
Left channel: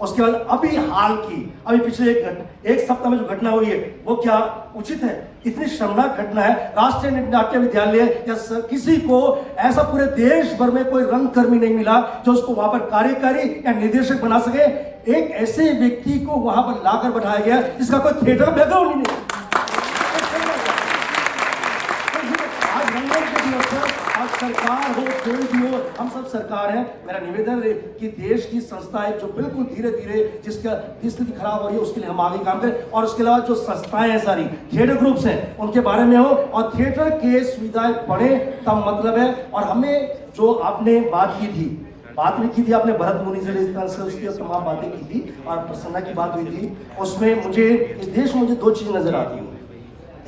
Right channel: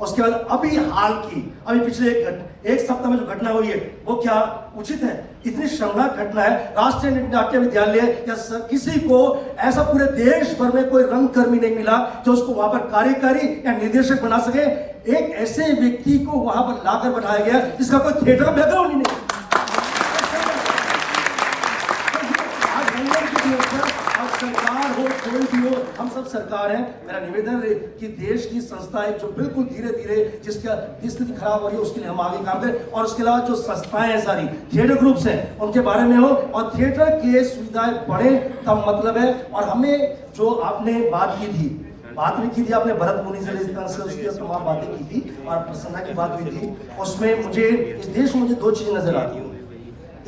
उसके बाद अभी हाल की, अभी पिछले एक सप्ताह में जो घटना हुई है, वो क्या उचित है? इतनी शर्मनाक घटना है। राष्ट्रीय नाट्य विद्यालय या किसी को ऐसा पूरे देश भर में कोई रंगकर्मी नहीं मिला जो उसको वहां पर कार्यकारी या निर्देशक बना सके। एक ऐसे व्यक्ति को वहां पर लाकर बनाया गया जिसका कोई थिएटर का बैकग्राउंड नहीं है। सरकार हो, कोई भी हो, हम सब सरकार है। मेरा निवेदन है कि देश की संस्थाएं जो बिल्कुल धीरे धीरे जिसका स्थिति खराब हो रही है, उसके लिए हम आगे काम करें। और उसके अलावा जो संस्थाएं हैं सारी, थिएटर ग्रुप्स हैं, उनके बारे में हो, और थिएटर के सुविधाएं बढ़े, तब मतलब है। और हमें जो आपने बात की थी, बात भी की थी आपने भरत मुनि से, इस तरह से उसकी तमाम बातें की थी, और प्रसन्ना की बात हुई थी। उसमें मुझे इस देश में मुझे 2 चीजें नजर आती हैं।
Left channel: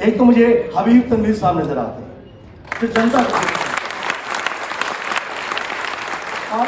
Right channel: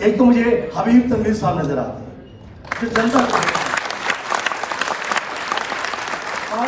एक तो मुझे हबीब तनवीर साहब नजर आते हैं जो जनता, और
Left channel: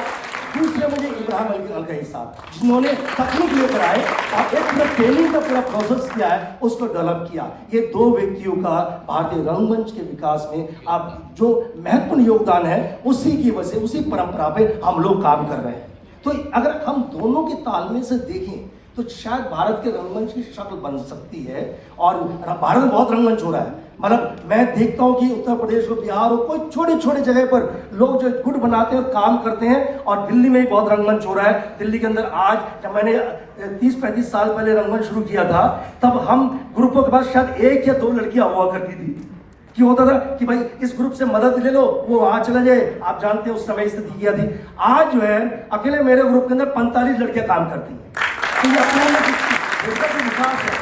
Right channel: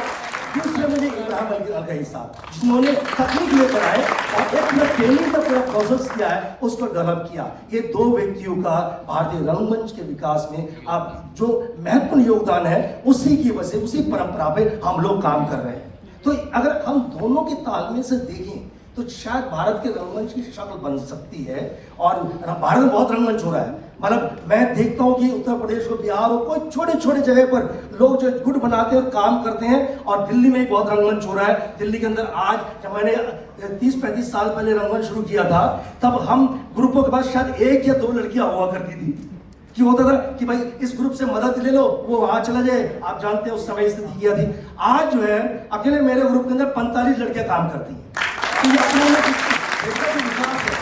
दूसरे मुझे इब्राहिम अलगई साहब जिन्होंने तकनीक लेकर आए और एक ट्रेनिंग का पूरा प्रोसेस किया है, उसको डेवलप किया। ये 2 व्यक्तियों का भारतीय रंगमंच के विकास में आप जो महत्वपूर्ण योगदान है, उसी की वजह से, उसी परंपरा पे हम लोग काम कर रहे हैं। तो अगर हम दोनों के तालमेल से देखें तो शायद भारत के रंगमंच की शक्ल बन सकती है। और भारत में बहुत रंगमंच हो रहा है, मतलब मैं देखता हूँ कि उत्तर प्रदेश हो, बिहार हो, कोई छोटे छोटे जगह पर लोग जो गुट बनाते हैं और काम करते हैं। और दिल्ली में भी बहुत रंगमंच हो रहा है। दिल्ली के अंदर आज जब मैंने 30-35 साल पहले रंगमंच शुरू किया था, तब हम ग्रुपों के पास शायद 1 या 2 लड़कियां हुआ करती थी। कि होता था कि भाई इस ग्रुप से मदद ले लो, वो वहां चले जाए, आप जानते हैं उस समय स्थिति क्या थी। आज जो है अकेले मेरे ग्रुप के अंदर 45 लड़कियां काम करती हैं। तो ये अपने में विकास है,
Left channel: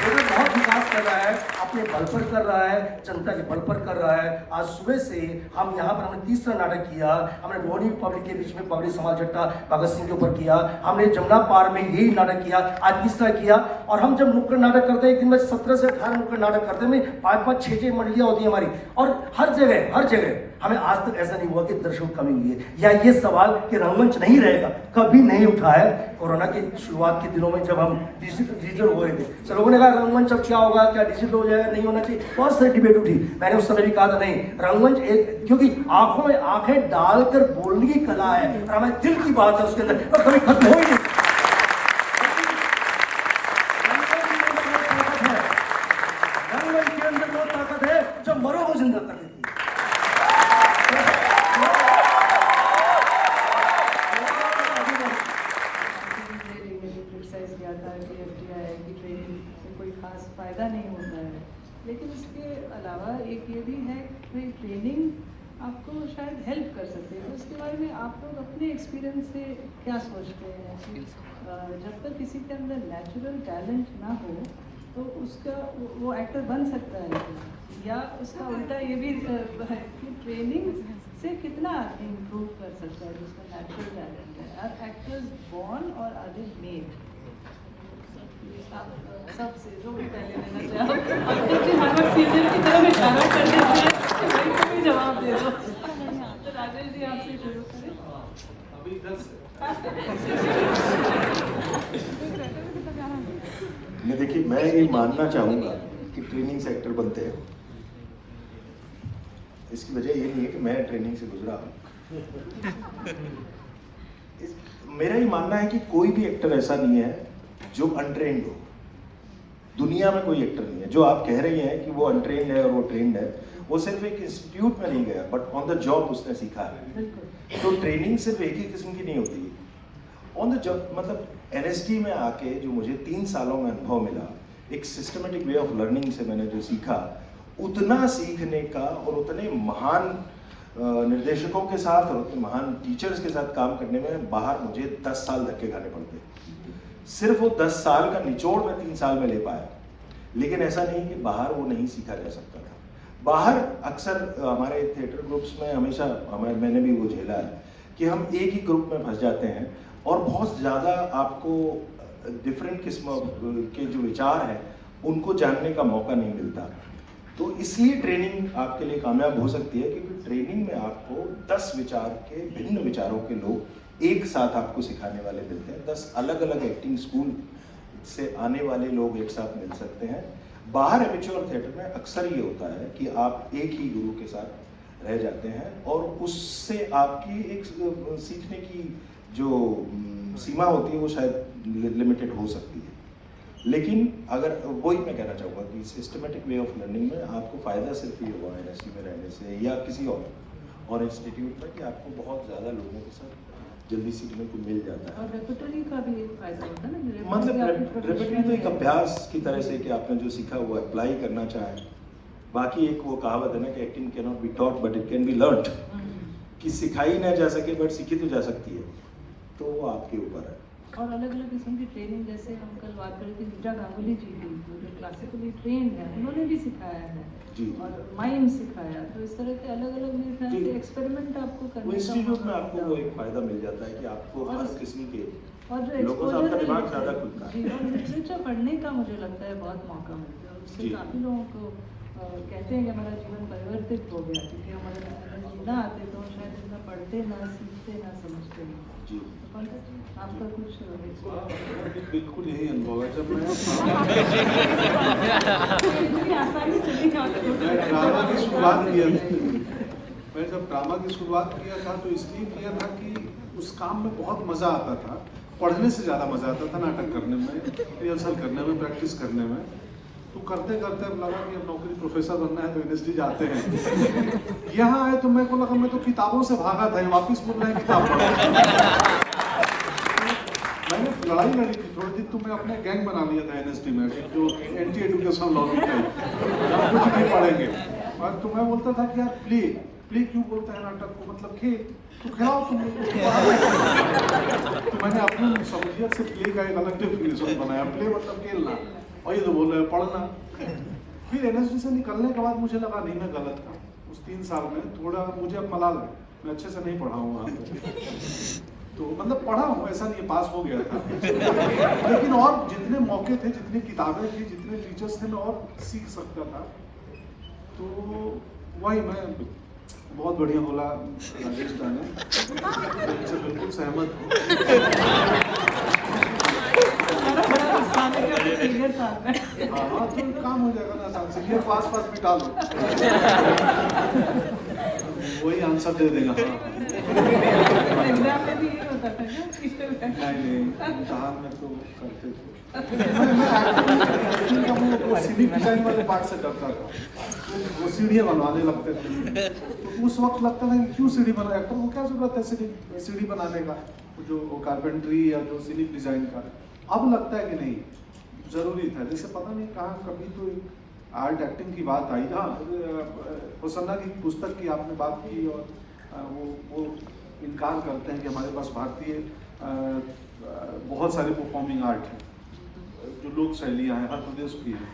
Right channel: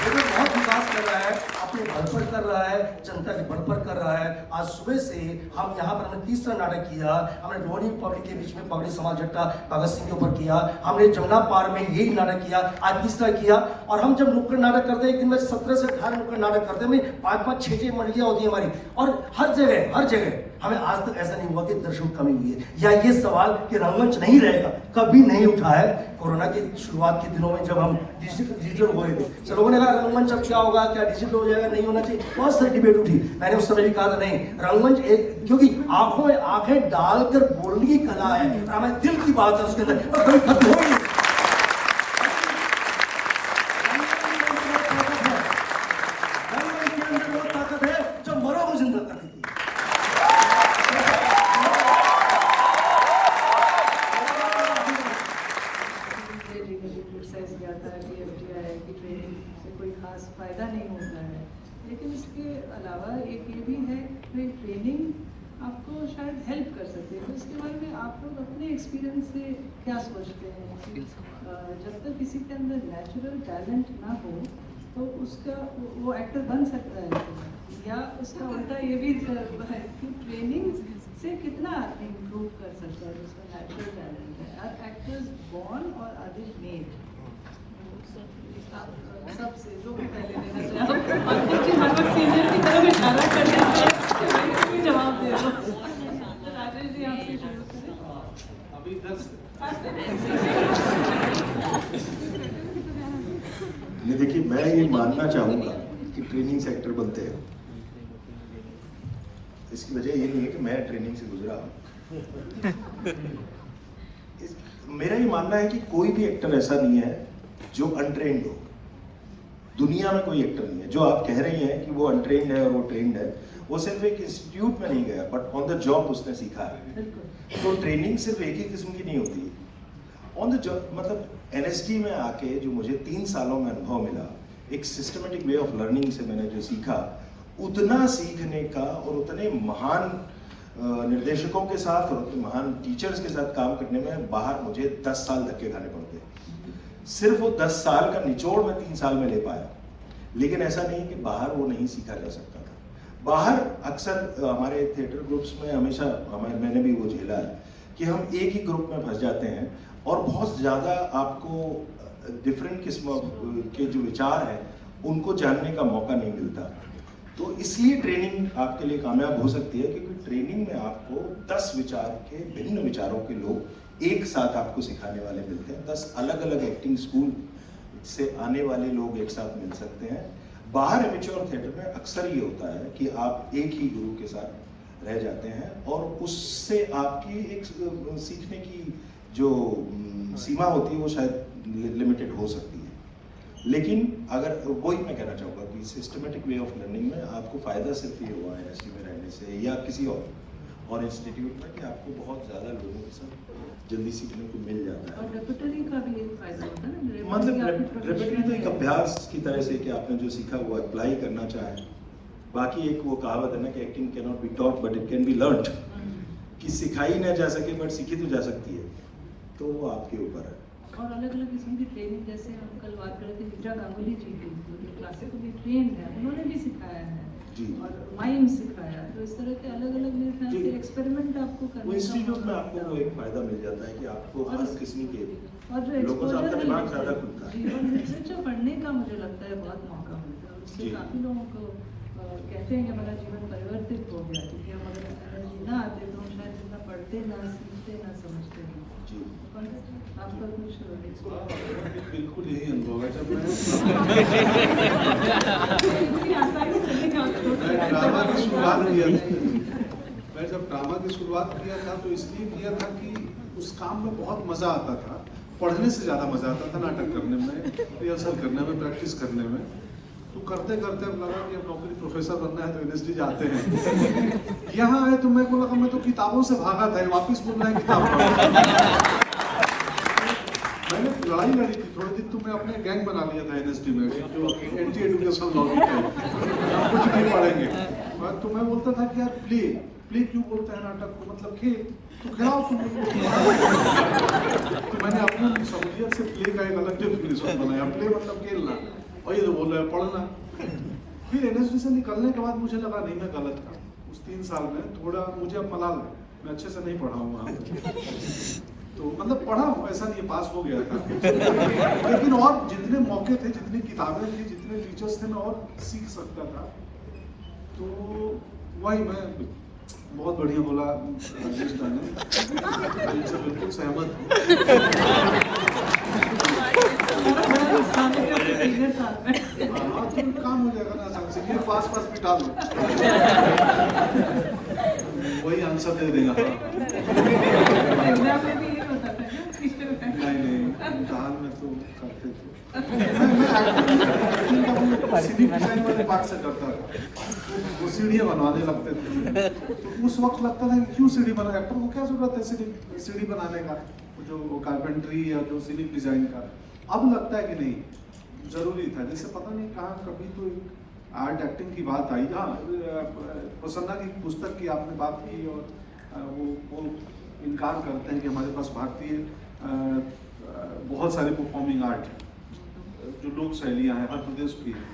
ये तो बहुत विकास कर रहा है, अपने बल पर कर रहा है, जनता के बल पर कर रहा है। आज सुबह से हम यहाँ पर हमने तीसरा नाटक किया, हमने रोहिणी पब्लिक के बीच में पब्लिक समाज जट्टा भगत सिंह के ऊपर किया, हमने जमुना पार में यही नाटक किया, आज तीसरा किया। और हम जब नुक्कड़ नाटक करते हैं, एक दिन में 17 से 18 नुक्कड़ नाटक करते हैं, 5-5, 6-6 मंडलियां होती है हमारी, और हर जगह हमें आज तक ऐसा नहीं हुआ कि दर्शकों कमी हुई है, या ये सवाल कि रंगमंच नहीं रहेगा कभी नहीं उठा है। कोरोना की शुरुआत के दिनों में जब हम डिजिटल हो रहे थे, सब लोगों ने कहा रंगमंच अब क्या होगा, क्या डिजिटल हो जाएगा, नहीं होना चाहिए, बहुत सारी डिबेट उठी। मैंने उस समय भी कहा था नहीं, रंगमंच एक, क्योंकि आंखों में आंखें डालकर बोलने की कला है, और हमारे दिल की बात है उसके अंदर, और कभी खत्म होगी नहीं। रंगमंच के अंदर बहुत ताकत है जो मरो को जिंदा कर देती है। क्रिटिसाइज किया था कि FTI की ट्रेनिंग से कोई खास फायदा नहीं होता है, लेकिन इसके अलावा एक ये भी है कि ट्रेनिंग आपको शायद हेल्प कर सकती है। तो इसके बारे में आप लोग अपने एक्सपीरियंस से क्या सोचते हैं? जब तक किसी के अंदर नेचुरल टैलेंट ना हो तो उसका वो एक्टर बन सकता है, या उसका उल्टा ये भी है कि ट्रेनिंग से कितना इम्प्रूव कर सकता है जिसका नेचुरल टैलेंट है? आर एक्टर्स बॉर्न और आर दे मेड? सबसे जो भी पहले लेना चाहो, सीनियर की तरह इशारा करने का जवाब दे दो। तो राजेश जी आपसे शुरू करें। अभी इधर से देखिए, मैं ये मानना चाहूँगा कि ट्रेनिंग से एक्टर बनते हैं। इसकी वजह ये नहीं है कि मैं ट्रेनिंग से गुजरा हूँ। मेरा ये मानना है कि कोई भी एक्टर ऐसा नहीं है जो अनट्रेंड हो। दुनिया में कोई एक्टर नहीं है। जो आप कह रही हैं कि वो अनट्रेंड है और वो ट्रेंड है, वो सिर्फ एक इंस्टीट्यूट में नहीं गया, बट ऑन द जॉब उसने सीखा है। तो ट्रेनिंग सिर्फ एक ही किस्म की नहीं होती। ऑन द जॉब मतलब NST में आके जो मुझे 3 सालों में अनुभव मिला, एक सिस्टमेटिक वे ऑफ लर्निंग से मैंने जो सीखा, उतना सीखने का और उतने महान निर्देशकों के साथ और उतने महान टीचर्स के साथ काम करने में बाहर मुझे 10 साल धक्के खाने पड़ते। सिर्फ वो 10 साल का निचोड़ मैं 3 साल में ले पाया। लेकिन ऐसा नहीं कि बाहर वो नहीं सीखा जा सकता था। बाहर अक्सर हमारे थिएटर ग्रुप्स में हमेशा मैंने भी वो झेला है कि हम एक ही ग्रुप में फंस जाते हैं और बहुत ज़्यादा आपको डिफरेंट किस्म के जो विचार हैं उनको जानने का मौका नहीं मिलता। तो इसलिए ट्रेनिंग आपके लिए कामयाब हो सकती है, क्योंकि ट्रेनिंग में आपको 10 विचार के भिन्न विचारों के लोग एक साथ आपको सिखाने वाले मिलते हैं। 10 अलग अलग एक्टिंग स्कूल से आने वाले लोग एक साथ मिल सकते हैं। बाहर एमेच्योर थिएटर में अक्सर ये होता है कि आप एक ही गुरु के साथ रह जाते हैं और उससे आपकी एक सीखने की जो सीमा होती है वो शायद लिमिटेड हो सकती है। लेकिन अगर वही मैं कहना चाहूँगा कि सिस्टमेटिक वे ऑफ लर्निंग में आपको फ़ायदा सिर्फ ये हुआ है NST में रहने से या किसी और इंस्टीट्यूट में कि आपको बहुत ज़्यादा लोगों के साथ जल्दी सीखने को मिल जाता है। और रेपुटरी का भी एक फायदा होता है ना, मतलब रेपुटरी तो एक अभ्यास की तरह से कि आपने जो सीखा हुआ अप्लाई करना चाहे। बाकी एक वो कहावत है ना कि acting can not be taught but it can be learned, कि सिखाई ना जा सके बट सीखी तो जा सकती है। तो वो आपके ऊपर है। और अलग अलग किस्म की ट्रेनिंग, जैसे हम कल बात कर रहे थे गुज्जा गांगुली जी की, जो क्लासिकली ट्रेन है, उन्होंने भी सिखाया है जी। और माइम सिखाया। तो इस तरह के अलग अलग मेरे ख्याल से एक्सपेरिमेंट आपको करने का इंस्टीट्यूट में आपको वो एक फायदा मिल जाता है कि आपको हर किस्म के और जो लोगों से आपका दिमाग एक्सपोजर ज़्यादा खुलता है। जी, और लिटरेचर पढ़ने का मुझे लगता है बहुत मौका मिलता है। उससे जी। काफ़ी लोगों को कहते हैं कि हमारा जीवन परिवर्तित हो गया, क्योंकि हमारे अंदर जीना आते तो हम शायद जितना पढ़ते ना सीखते ना समझते हैं। जी। और आपका कुछ बिल्कुल यही अनुभव है। जब इतनी आसानी से नहीं कर सकते। मैं ड्रामा की शुरुआत किया मैं जब ड्रामा की शुरुआत किया था तो इसलिए किया था कि उस काम में बहुत मज़ा आता था। पढ़ने से ज़्यादा मज़ा आता था नाटक करने में, रिहर्सल करने में, प्रैक्टिस करने में। तो करते करते लगा कि नौकरी प्रोफेसर बनना है तो NST जाते हैं। यहाँ आए तो मेरे को लगा मैं तो किताबों से भागा था, वापिस बोलना है किताबों। मैंने लड़ाई लड़ी थी थोड़े दिन, तो मैं अपने गैंग बना लिया था एनएसडी में, जो एंटी एजुकेशनल लॉबी है, कुछ नहीं पढ़ेंगे। तो मैं बोलता था कि यार प्ले क्यों बोलते हैं नाटक को, मतलब खेल, तो खिलाओ तुम। तो मैंने अपनी समझिया से प्ले का एक अलग डेफिनेशन बनाया, प्ले मतलब खेलना, और ये जो बोल रहे हैं पढ़ना। फिर एनएसडी से निकलने के बाद मुझे लगा नहीं मैं गलत था, उस 3 साल में थोड़ा मुझे अब मलाल है, मैं अच्छे से नहीं पढ़ा हूँ वहाँ पे। तो मतलब पढ़ा हूँ, ऐसा नहीं पास हो गया था, लेकिन और जितने मौके थे, जितनी किताबें थी, जितने टीचर्स थे, मैं और सीख सकता था। तो वही मैं बहुत बढ़िया बोला राजेश जी ने, इनसे बिल्कुल सहमत हूँ। काम हो जाएगा ना आसान से, ये पास बिठा लो, वही आंसर दे देना था। एग्जाम में भी ये होता था ना टीचर का। नहीं कहा मैं तो करते थे। पार्ट से करता था, वो सीढ़ियाँ बनवाने लगते थे, तो उस वक्त लगता था कि क्यों सीढ़ी बना, एक्टर को क्या जरूरत है सीढ़ी बनाने का, जो वो कारपेंट्री या तो सिनिक डिजाइन का। अब लगता है कि नहीं जरूरी था, जैसे पता नहीं कहाँ कभी तो आर्ट एक्टिंग की बात आई था, प्रसन्ना की पुस्तक की आपने बात की, और वो इनकार करते हैं कि हमारे पास भारतीय बहुत सारे परफॉर्मिंग आर्ट हैं, जो लोक शैलियाँ हैं, हर प्रदेश की हैं।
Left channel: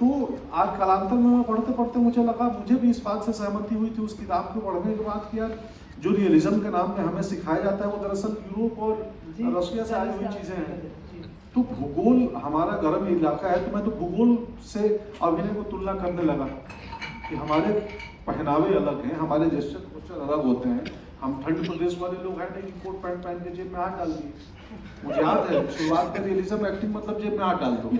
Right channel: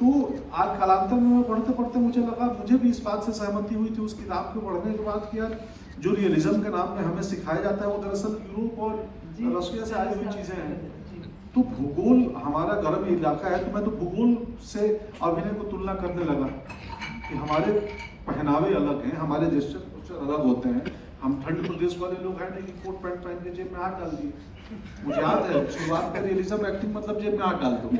तो आज कालांतर में पढ़ते पढ़ते मुझे लगा, मुझे भी इस बात से सहमति हुई थी उस किताब को पढ़ने के बाद कि यार जो रियलिज्म के नाम में हमें सिखाया जाता है वो दरअसल यूरोप और रशिया से आई हुई चीज़ें हैं। तो भूगोल हमारा गर्म इलाका है, तो मैं तो भूगोल से अभिनय को तुलना करने लगा कि हमारे पहनावे अलग हैं, हमारे जेस्चर अलग होते हैं, हम ठंड प्रदेश वाले लोग हैं नहीं कोट पैंट पहन के जेब में हाथ डाल दिए। मुझे याद है शुरुआत में रियलिज्म एक्टिंग मतलब जेब में हाथ डाल दूँ,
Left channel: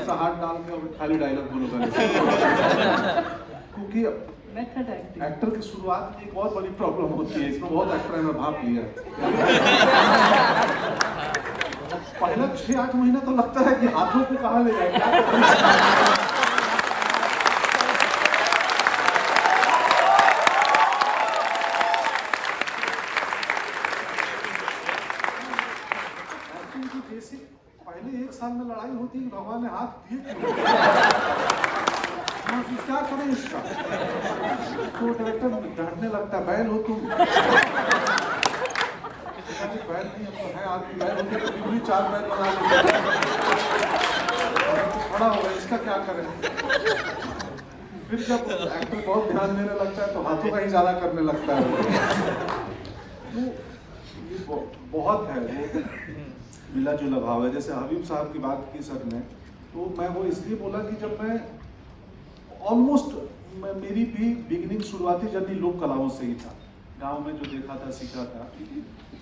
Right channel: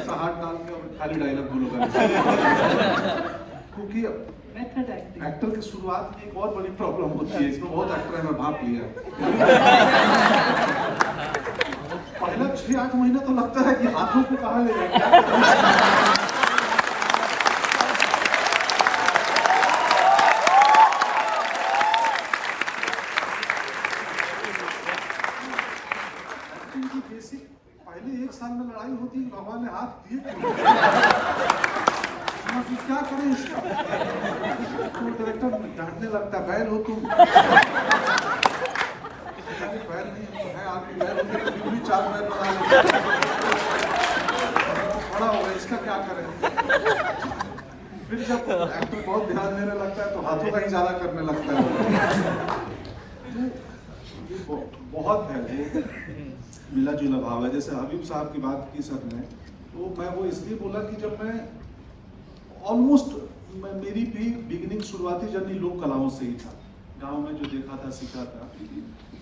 ऐसा हाथ डाल के और खाली डायलॉग बोले जाए, क्योंकि एक्टर की शुरुआत में एक बहुत बड़ी प्रॉब्लम होती है, इसमें बहुत एक्टर ने भाग लिया। पहले 6-8 महीने तो लगता है कि हाथों को कहाँ ले जाएगा। पहले 1 साल में लड़ाई होती है, भगवान ने हाथ दिए क्या करें इसका, तो डायरेक्टर जानने लगता है बैल हो तुम, बैल नहीं है आपकी बैल 4 बैल बना लो, इसका क्या करें। फिर जब एक्टर बहुत ध्यान देने लगता है तो हाथों का इशारा करने लगता है। ये बहुत है वो मिला जुला भाव है। जैसे हबीब साहब की बात की सर ने, तो मैं वो इसलिए बोला कि जब मैं ऑलमोस्ट मेरी भी बिगिनिंग शुरुआती जर्नी लोक कलाओं से ही था, गांव में जो देखा था सीखा था,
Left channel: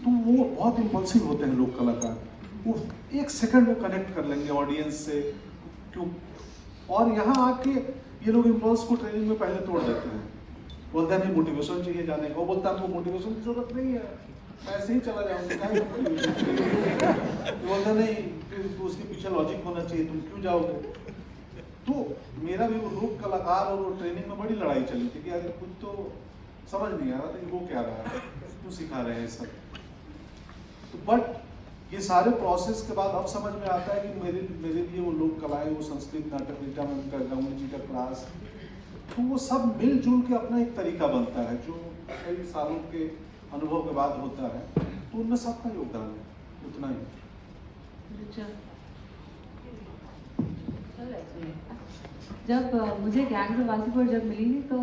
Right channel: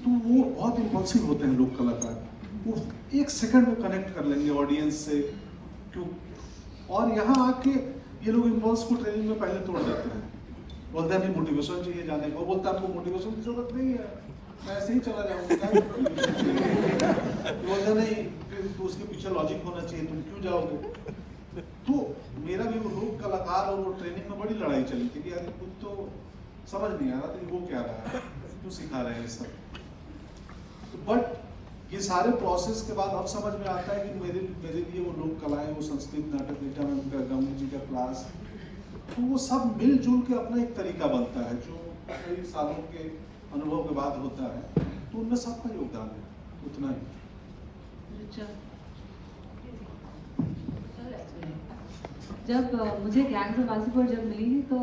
तो वो बहुत इम्पल्सिव होते हैं लोक कलाकार, वो 1 सेकंड वो कनेक्ट कर लेंगे ऑडियंस से क्यों, और यहाँ आके ये लोग इम्पल्स को ट्रेनिंग में पहले तोड़ देते हैं, बोलता नहीं मोटिवेशन चाहिए जाने का, वो बोलता है आपको मोटिवेशन की जरूरत नहीं है, मैं ऐसे ही चला जाऊंगा, बोलता नहीं फिर उसके पीछे लॉजिक होना चाहिए, तुम क्यों जाओगे। तो मेरा भी वो लोक कलाकार और वो ट्रेनिंग में बड़ी लड़ाई चली थी कि यार कुछ तो समझ नहीं आ रहा था कि वो क्या रहा है, क्यों सिखा रहे हैं सब। तो बट ये सारे प्रोसेस के बाद अब समझ में आता है कि मेरे लिए वो लोक कलाएं, वो संस्कृत नाटक विद्या में उनका गौनी जी का क्लास, तो वो सब मिलजुल के अपना एक तरीका बनता है जो कई सालों के अनुभव के बाद होता है, तो उनमें सबका योगदान है उतना ही। जब मुझे गैंग्स ऑफ वासेपुर जब मिली तो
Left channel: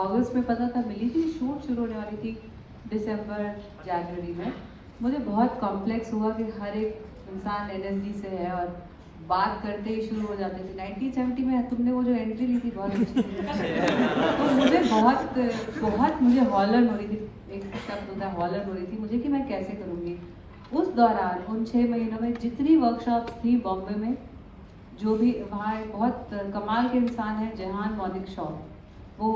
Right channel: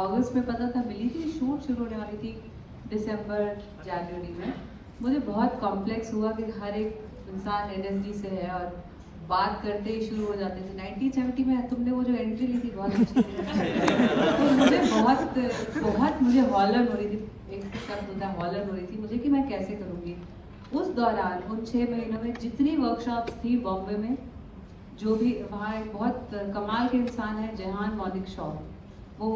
अगस्त में पता था मिली थी, शूट शुरू होने वाली थी दिसंबर जनवरी में। मुझे बहुत कॉम्प्लेक्स हुआ कि हर एक इंसान एनएसडी से है और बात करते ही शुरू हो जाते थे। 1970 में तुमने वो जो एंट्री ली थी बहुत अच्छी थी, तो मुझे बहुत मुझे हॉलर हो रही थी, एक शब्द होता है हॉलर हो रही थी मुझे कि मैं कैसे करूँगी। उस दौरान उन 6 महीनों में जितनी वर्कशॉप्स थी बॉम्बे में, जो भी वहाँ बहुत कमाल के इंसान है जहान मौलिक शॉ, वो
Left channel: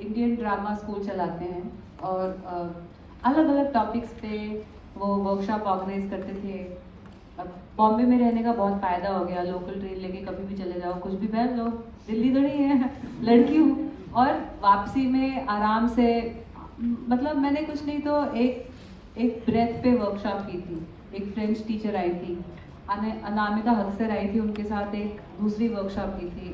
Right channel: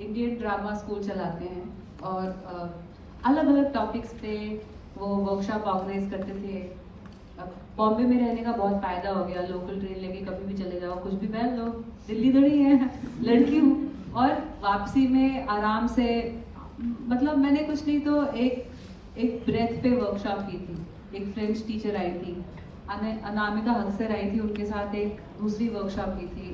इंडियन ड्रामा स्कूल चलाते हैं और अलग अलग टॉपिक्स पे वो वर्कशॉप ऑर्गेनाइज करते थे। बॉम्बे में रहने का बहुत फ़ायदा हो गया, लोकल ट्रेन लेके कभी भी चले जाओ, कुछ भी पहन लो, दिल्ली थोड़ी है, लड़की हूँ, और वापसी में आराम से मतलब मैंने कुछ नहीं तो एक ब्रेथ पे वर्कशॉप की थी, एक फ्रेंच टीचर आई थी, अनामिका हक्सर आई थी, उनके साथ एक दूसरी वर्कशॉप की थी,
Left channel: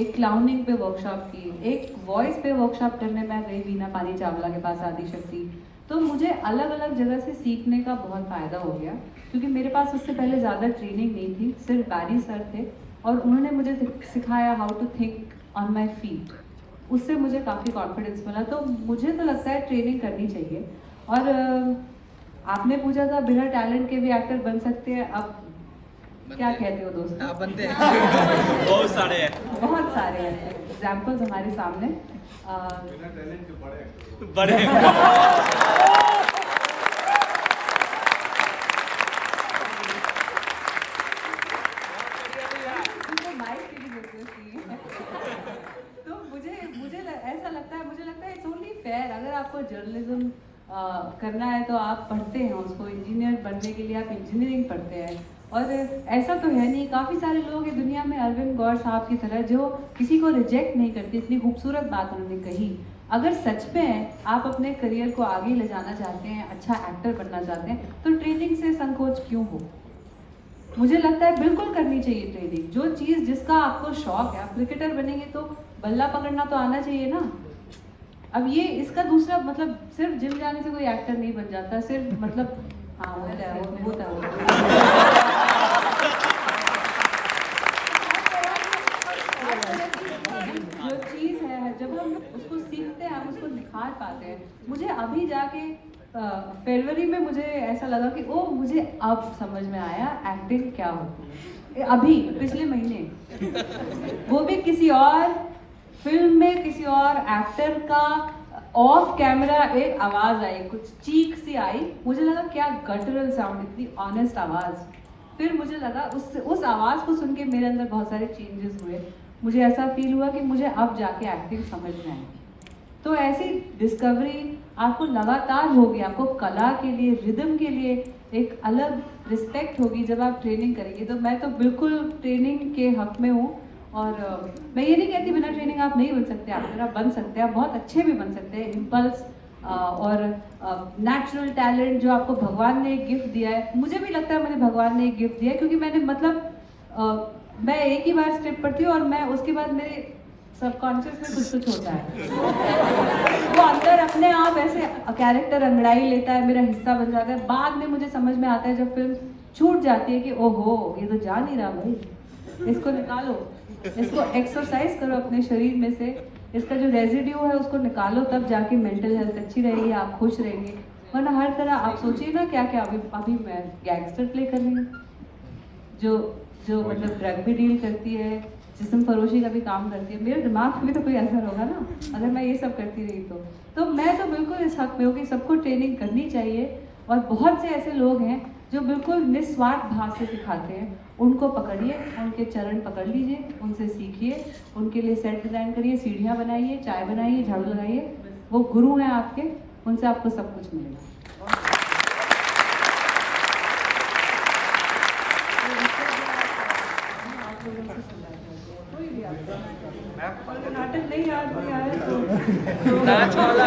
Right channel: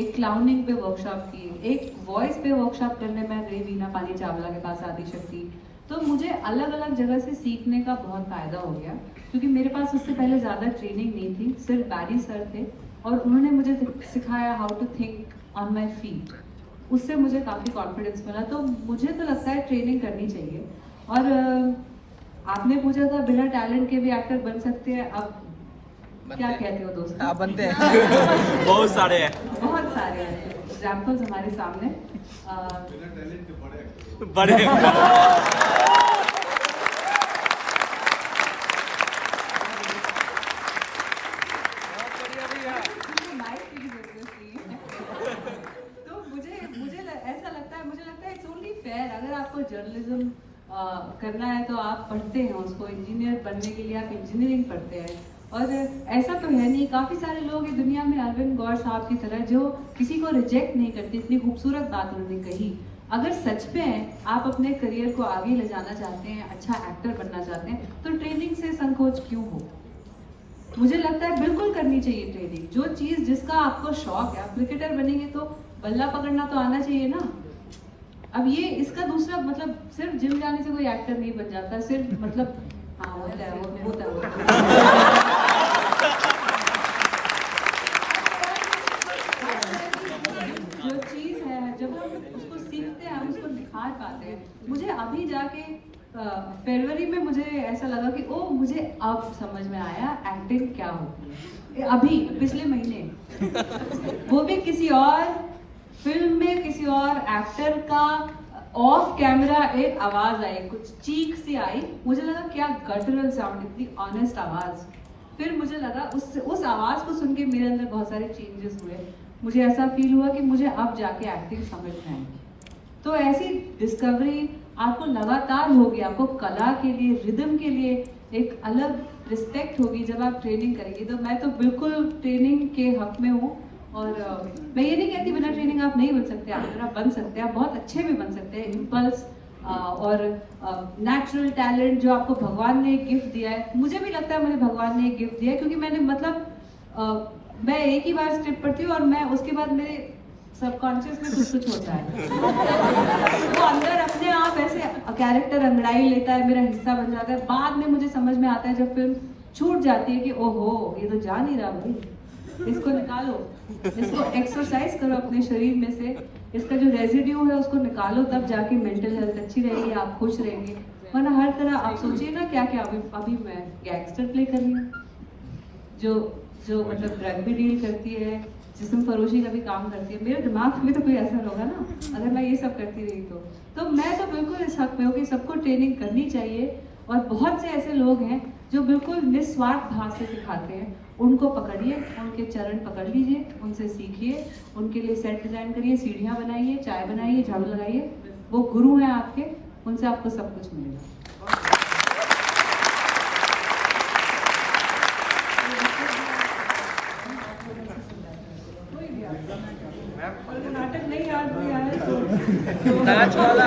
एक क्लाउनिंग पे वर्कशॉप की, एक वॉइस पे वर्कशॉप करने मैं गई वीना पानी चावला के पास आदिशक्ति। तो मुझे अलग अलग जगह से सीखने का बहुत फ़ायदा हो गया, क्योंकि मेरे पास उससे पहले ज़्यादा ट्रेनिंग नहीं थी, सिर्फ बैरी सर थे और उन्होंने मुझे सिखाया how to think on my feet. उससे मुझे काफ़ी कॉन्फिडेंस मिला। तो मुझे तो लगता है ट्रेनिंग करनी चाहिए। और आपने पूछा था बिना टैलेंट के भी एक्टर बन सकते हैं, अब क्या कहते हो दोस्त? आप बनते हैं बहुत सारे हैं एग्जाम्पल्स हमारे सामने। बिना टैलेंट के बड़े actor। बड़े तो मुझे ऐसा लगता है इट्स ओनली फेयर, अगर आपको जर्नलिज्म करना है तो आप पढ़ते हैं उसको, इंजीनियर बनने के लिए आप इंजीनियरिंग पढ़ते हैं। और ऐसा तो है नहीं, काफ़ी सारे लोग हैं दुनिया में अरविंद गौर साहब की तरह जो किसी को रिजेक्ट नहीं करते। इतनी खूबसूरत बात उन्होंने कही। अगर सच में आप अपने करियर को आगे ले जाना चाहते हैं, अच्छा एक्टर बनना चाहते हैं, तो ट्रेनिंग से संकोच क्यों हो? मुझे लगता है बिल्कुल करनी चाहिए ट्रेनिंग। जो चीज़ जिसका आपको शौक है, आप क्रिकेटर बनेंगे तो बल्ला पकड़ना तो आना चाहिए ना। अब ये इसका दूसरा मतलब सिर्फ जिम जाने से कोई एक्टर नहीं बन जाता, सिर्फ मतलब हाँ होता है। जो चीज़ है जब हम उसको सीखते हैं, हम उसको निखार पाते हैं। मुझे अभी जाके फरवरी में मुझे ऐसा लगा कि ओ मुझे अब समझ में आया एक्टिंग क्या होती है। अभी पिछले महीने वो भी किसी और फिल्म में किसी और एक्टर का ऑफ कैमरा एक आवाज आई, कुछ चीख सी आई। मुझे लगा क्या गटरल साउंड, इतनी ऑनेस्ट आवाज। फिर मुझे लगा उस आवाज को सुन के मेरे अंदर बहुत सारे चेंजेस हुए। मुझे ऐसा फील हुआ कि मुझे अब जाके एक्टिंग समझ में आएगी। तो ऐसी डिस्कवरी आपको लगातार होगी। आपको कला के लिए, रिदम के लिए एक अलग रिस्पेक्ट होगी जब आप ट्रेनिंग करेंगे। तो मैं तो बिल्कुल ट्रेनिंग के हक में हूँ। और मैं ये नहीं कहती बिना ट्रेनिंग आप नहीं बन सकते, आप बन सकते हैं, बहुत अच्छे भी बन सकते हैं। इम्पल्स और नेचुरल टैलेंट जो आपको भगवान ने एक गिफ्ट दिया है, मुझे भी लगता है मुझे भगवान ने एक गिफ्ट दिया है, क्योंकि मैंने मतलब मैं एक ही बार स्क्रिप्ट पढ़ती हूँ और मैं उसके बाद मेरे सबकॉन्शियस में कुछ होता है वो अंदर अपने आप ऐसे कैरेक्टर अंगड़ाई लेता है, मेरा हिस्सा बन जाता है। बाद में मुझे समझ में आता है जब फिल्म छूट जाती है कि ओहो ये तो जा नहीं रहा भाई, इसको निकालो, इसको एक्सरसाइज करो अपने शरीर में से, इसका जो रेजिड्यू है उसको निकालो, तब जाके मेंटल हेल्थ अच्छी रहेगी, आप खुश रहेंगे। वरना हर तरह आप सोचिए ना क्या क्या अभी मैं गैंगस्टर प्ले कर रही हूँ जो मतलब ड्रग भी डील करती है, जिस्म फरोशी का भी काम करती है। मेरे दिमाग में भी तो कोई असर होगा ना अगर मैं ये सब करती रही तो मैं तो बिल्कुल इस हक में हूँ कि सबको ट्रेनिंग करनी चाहिए। और बहुत से ऐसे लोग हैं जो बिल्कुल निस्वार्थ भाव से सिखाते हैं, उनको पकड़िए, उनके चरण पकड़ लीजिए, उनसे सीखिए, उनके लिए सेट डिजाइन करिए, सीढ़ियाँ बनाइए, चाय बनाइए, झाड़ू लगाइए। वो गुरु हैं आपके, उनसे आपको सब कुछ मिलेगा। नाटक नहीं याद हो गया नाच वाला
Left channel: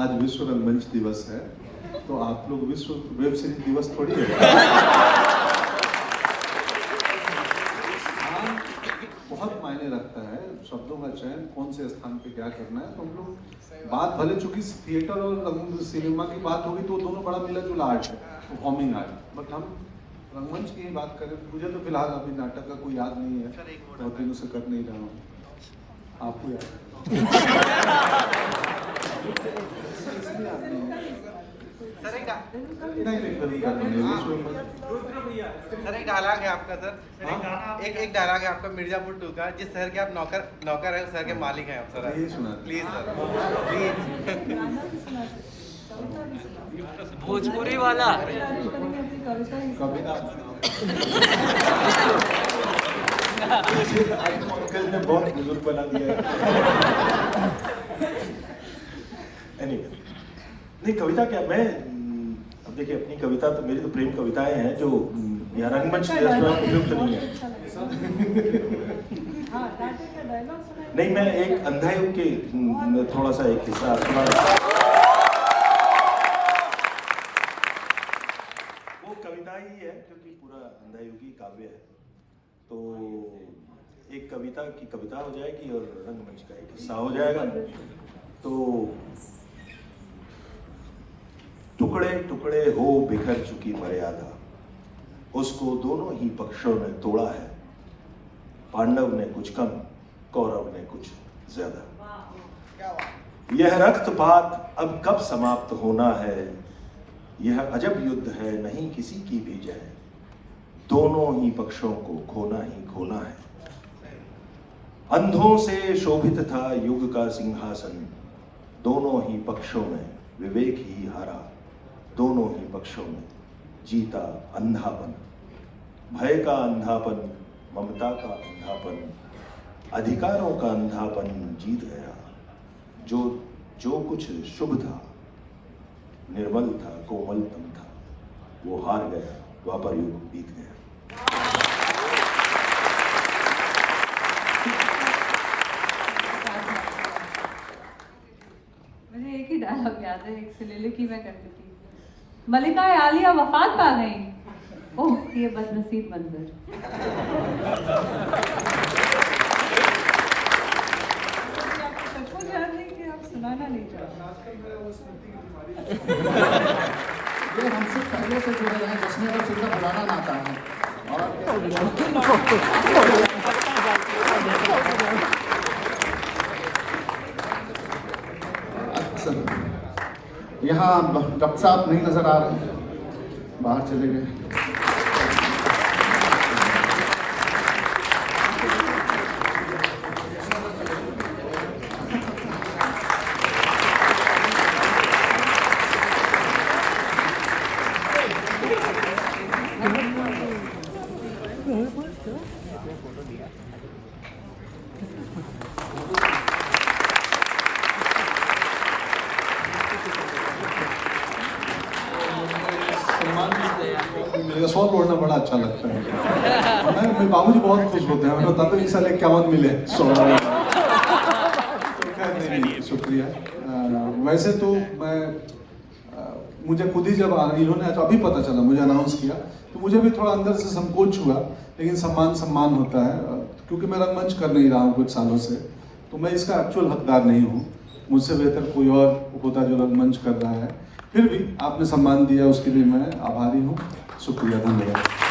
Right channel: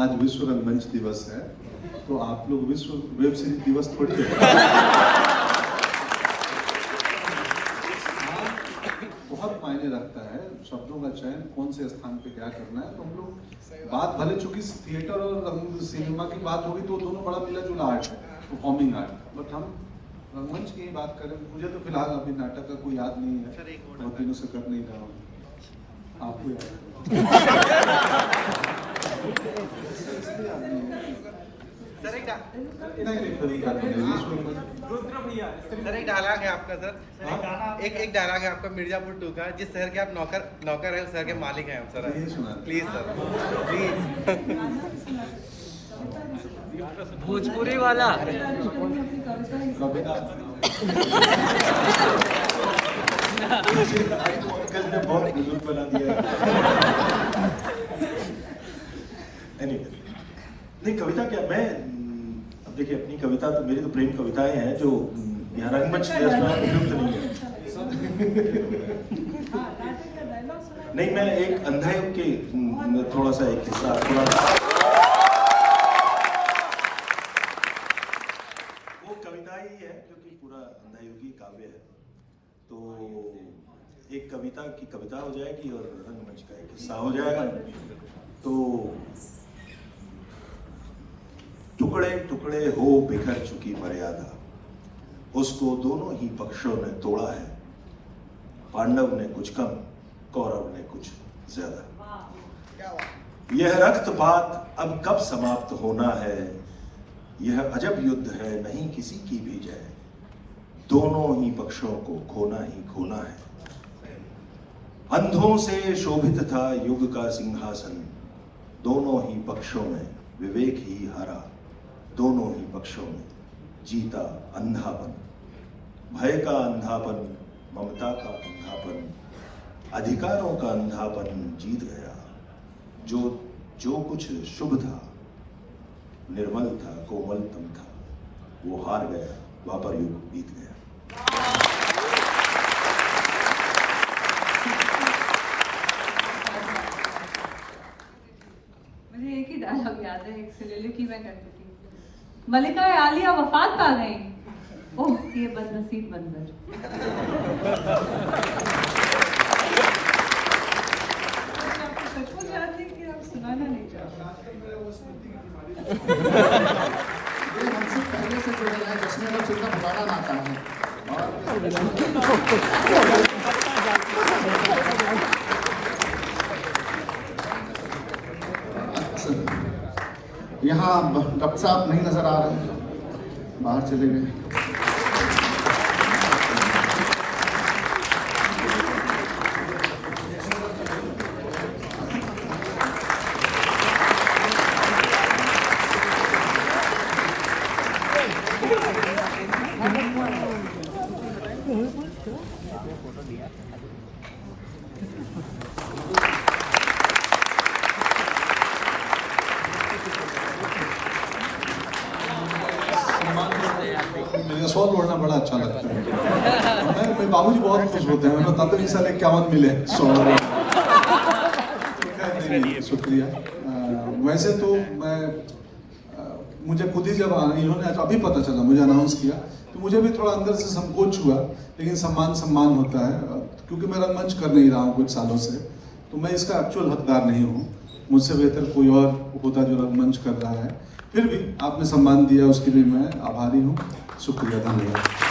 आज विश्व रंगमंच दिवस है, तो आप लोग विश्व वेब सीरीज दिवस थोड़ी है। बहुत मायने रखता है शब्दों का चयन, कौन से स्थान पे क्या करना है। तो हम लोग बात भले चूंकि थिएटर और सिनेमा की बात होगी तो दोनों बड़ा मिला जुला आर्ट है, परफॉर्मिंग आर्ट, बट हम रंगमंच की ही बात करें। मुझे तो फिलहाल अभी नाटक का कोई याद नहीं है, बहुत दिनों से कर नहीं रहा हूँ। आपको सर एक डायलॉग है आपका सर, एक डायलॉग है आपका मिर्जापुर 2 का, जिस शहर के आप नौकर है, शहर के मालिक हैं आप सर। यही सुना प्लीज भोजपुरी वाला कविता बहुत बुजुर्ग बना दिया। नहीं कविता क्या, मैं देखिए अपनी कविता तो मेरी तो प्रेम कविताएं हैं जो यहाँ रंगमंच के आसपास उपयुक्त नहीं है। हाँ, राजा का डायलॉग सुनाइए। नहीं, मैं एक अंधे के थोड़ा सा एक हिस्सा आपको वो कविता ही है क्योंकि पूरा अंधायुगी काव्य है, तो एक कविता की कविता हो जाएगी और रंगमंच का एक हिस्सा हो जाएगा। तो टुकड़े टुकड़े हो बिखर चुकी मर्यादा, उसको दोनों ही पक्षों ने तोड़ा है। पांडव ने कुछ कम, कौरव ने कुछ ज्यादा। यह रक्तपात अब कब समाप्त होना है, यह अजब युद्ध है नहीं किसी की भी जय। दोनों ही पक्षों को खोना ही खोना है। अंधों से शोभित था युग का सिंहासन, दोनों ही पक्षों ने विवेक ही हारा। दोनों ही पक्षों ने जीता अंधापन, भय का अंधापन, ममता का अंधापन, अधिकारों का अंधापन जीत गया। जो कुछ शुभ था, निर्मल था, कोमलपन था, वो हार गया, द्वापर युग बीत गया। मुझे एक ही डायलॉग याद है, एक soliloquy में करती थी। मलिका आलिया वफात पा गई, ओह ये बदनसीब मंजर। सबको याद है कि आप सुनाना नहीं चाहते। ये हमसे पहले से जुड़े हैं, जिसमें और फिर में बुलाना ना आता है। यहाँ गपसाप नहीं नजर आ रहे, बाहर चले गए। मेरा सॉल बोलना बड़ा अच्छा लगता है। मेरे बाबूजी बहुत खुश होते हैं, उनको बताते हैं साले क्या मिले सॉल। नहीं, शुक्रिया। वैसे तो मैं मुझे खुद ही जब इन्होंने अभी पता चला, मुझे अनाउंस किया, तो मुझे भी थोड़ा अंदर से संकोच हुआ, लेकिन सम्मान होता है। क्योंकि मैं रंगमंच कर नहीं रहा हूँ कुछ सालों से, तो मैं इसका एक्चुअल हकदार नहीं हूँ। मुझसे बेहतर कोई और होता जो रंगमंच कर रहा है। फिर भी आपने सम्मान दिया, उसके लिए मैं आभारी हूँ। शुक्रिया, धन्यवाद।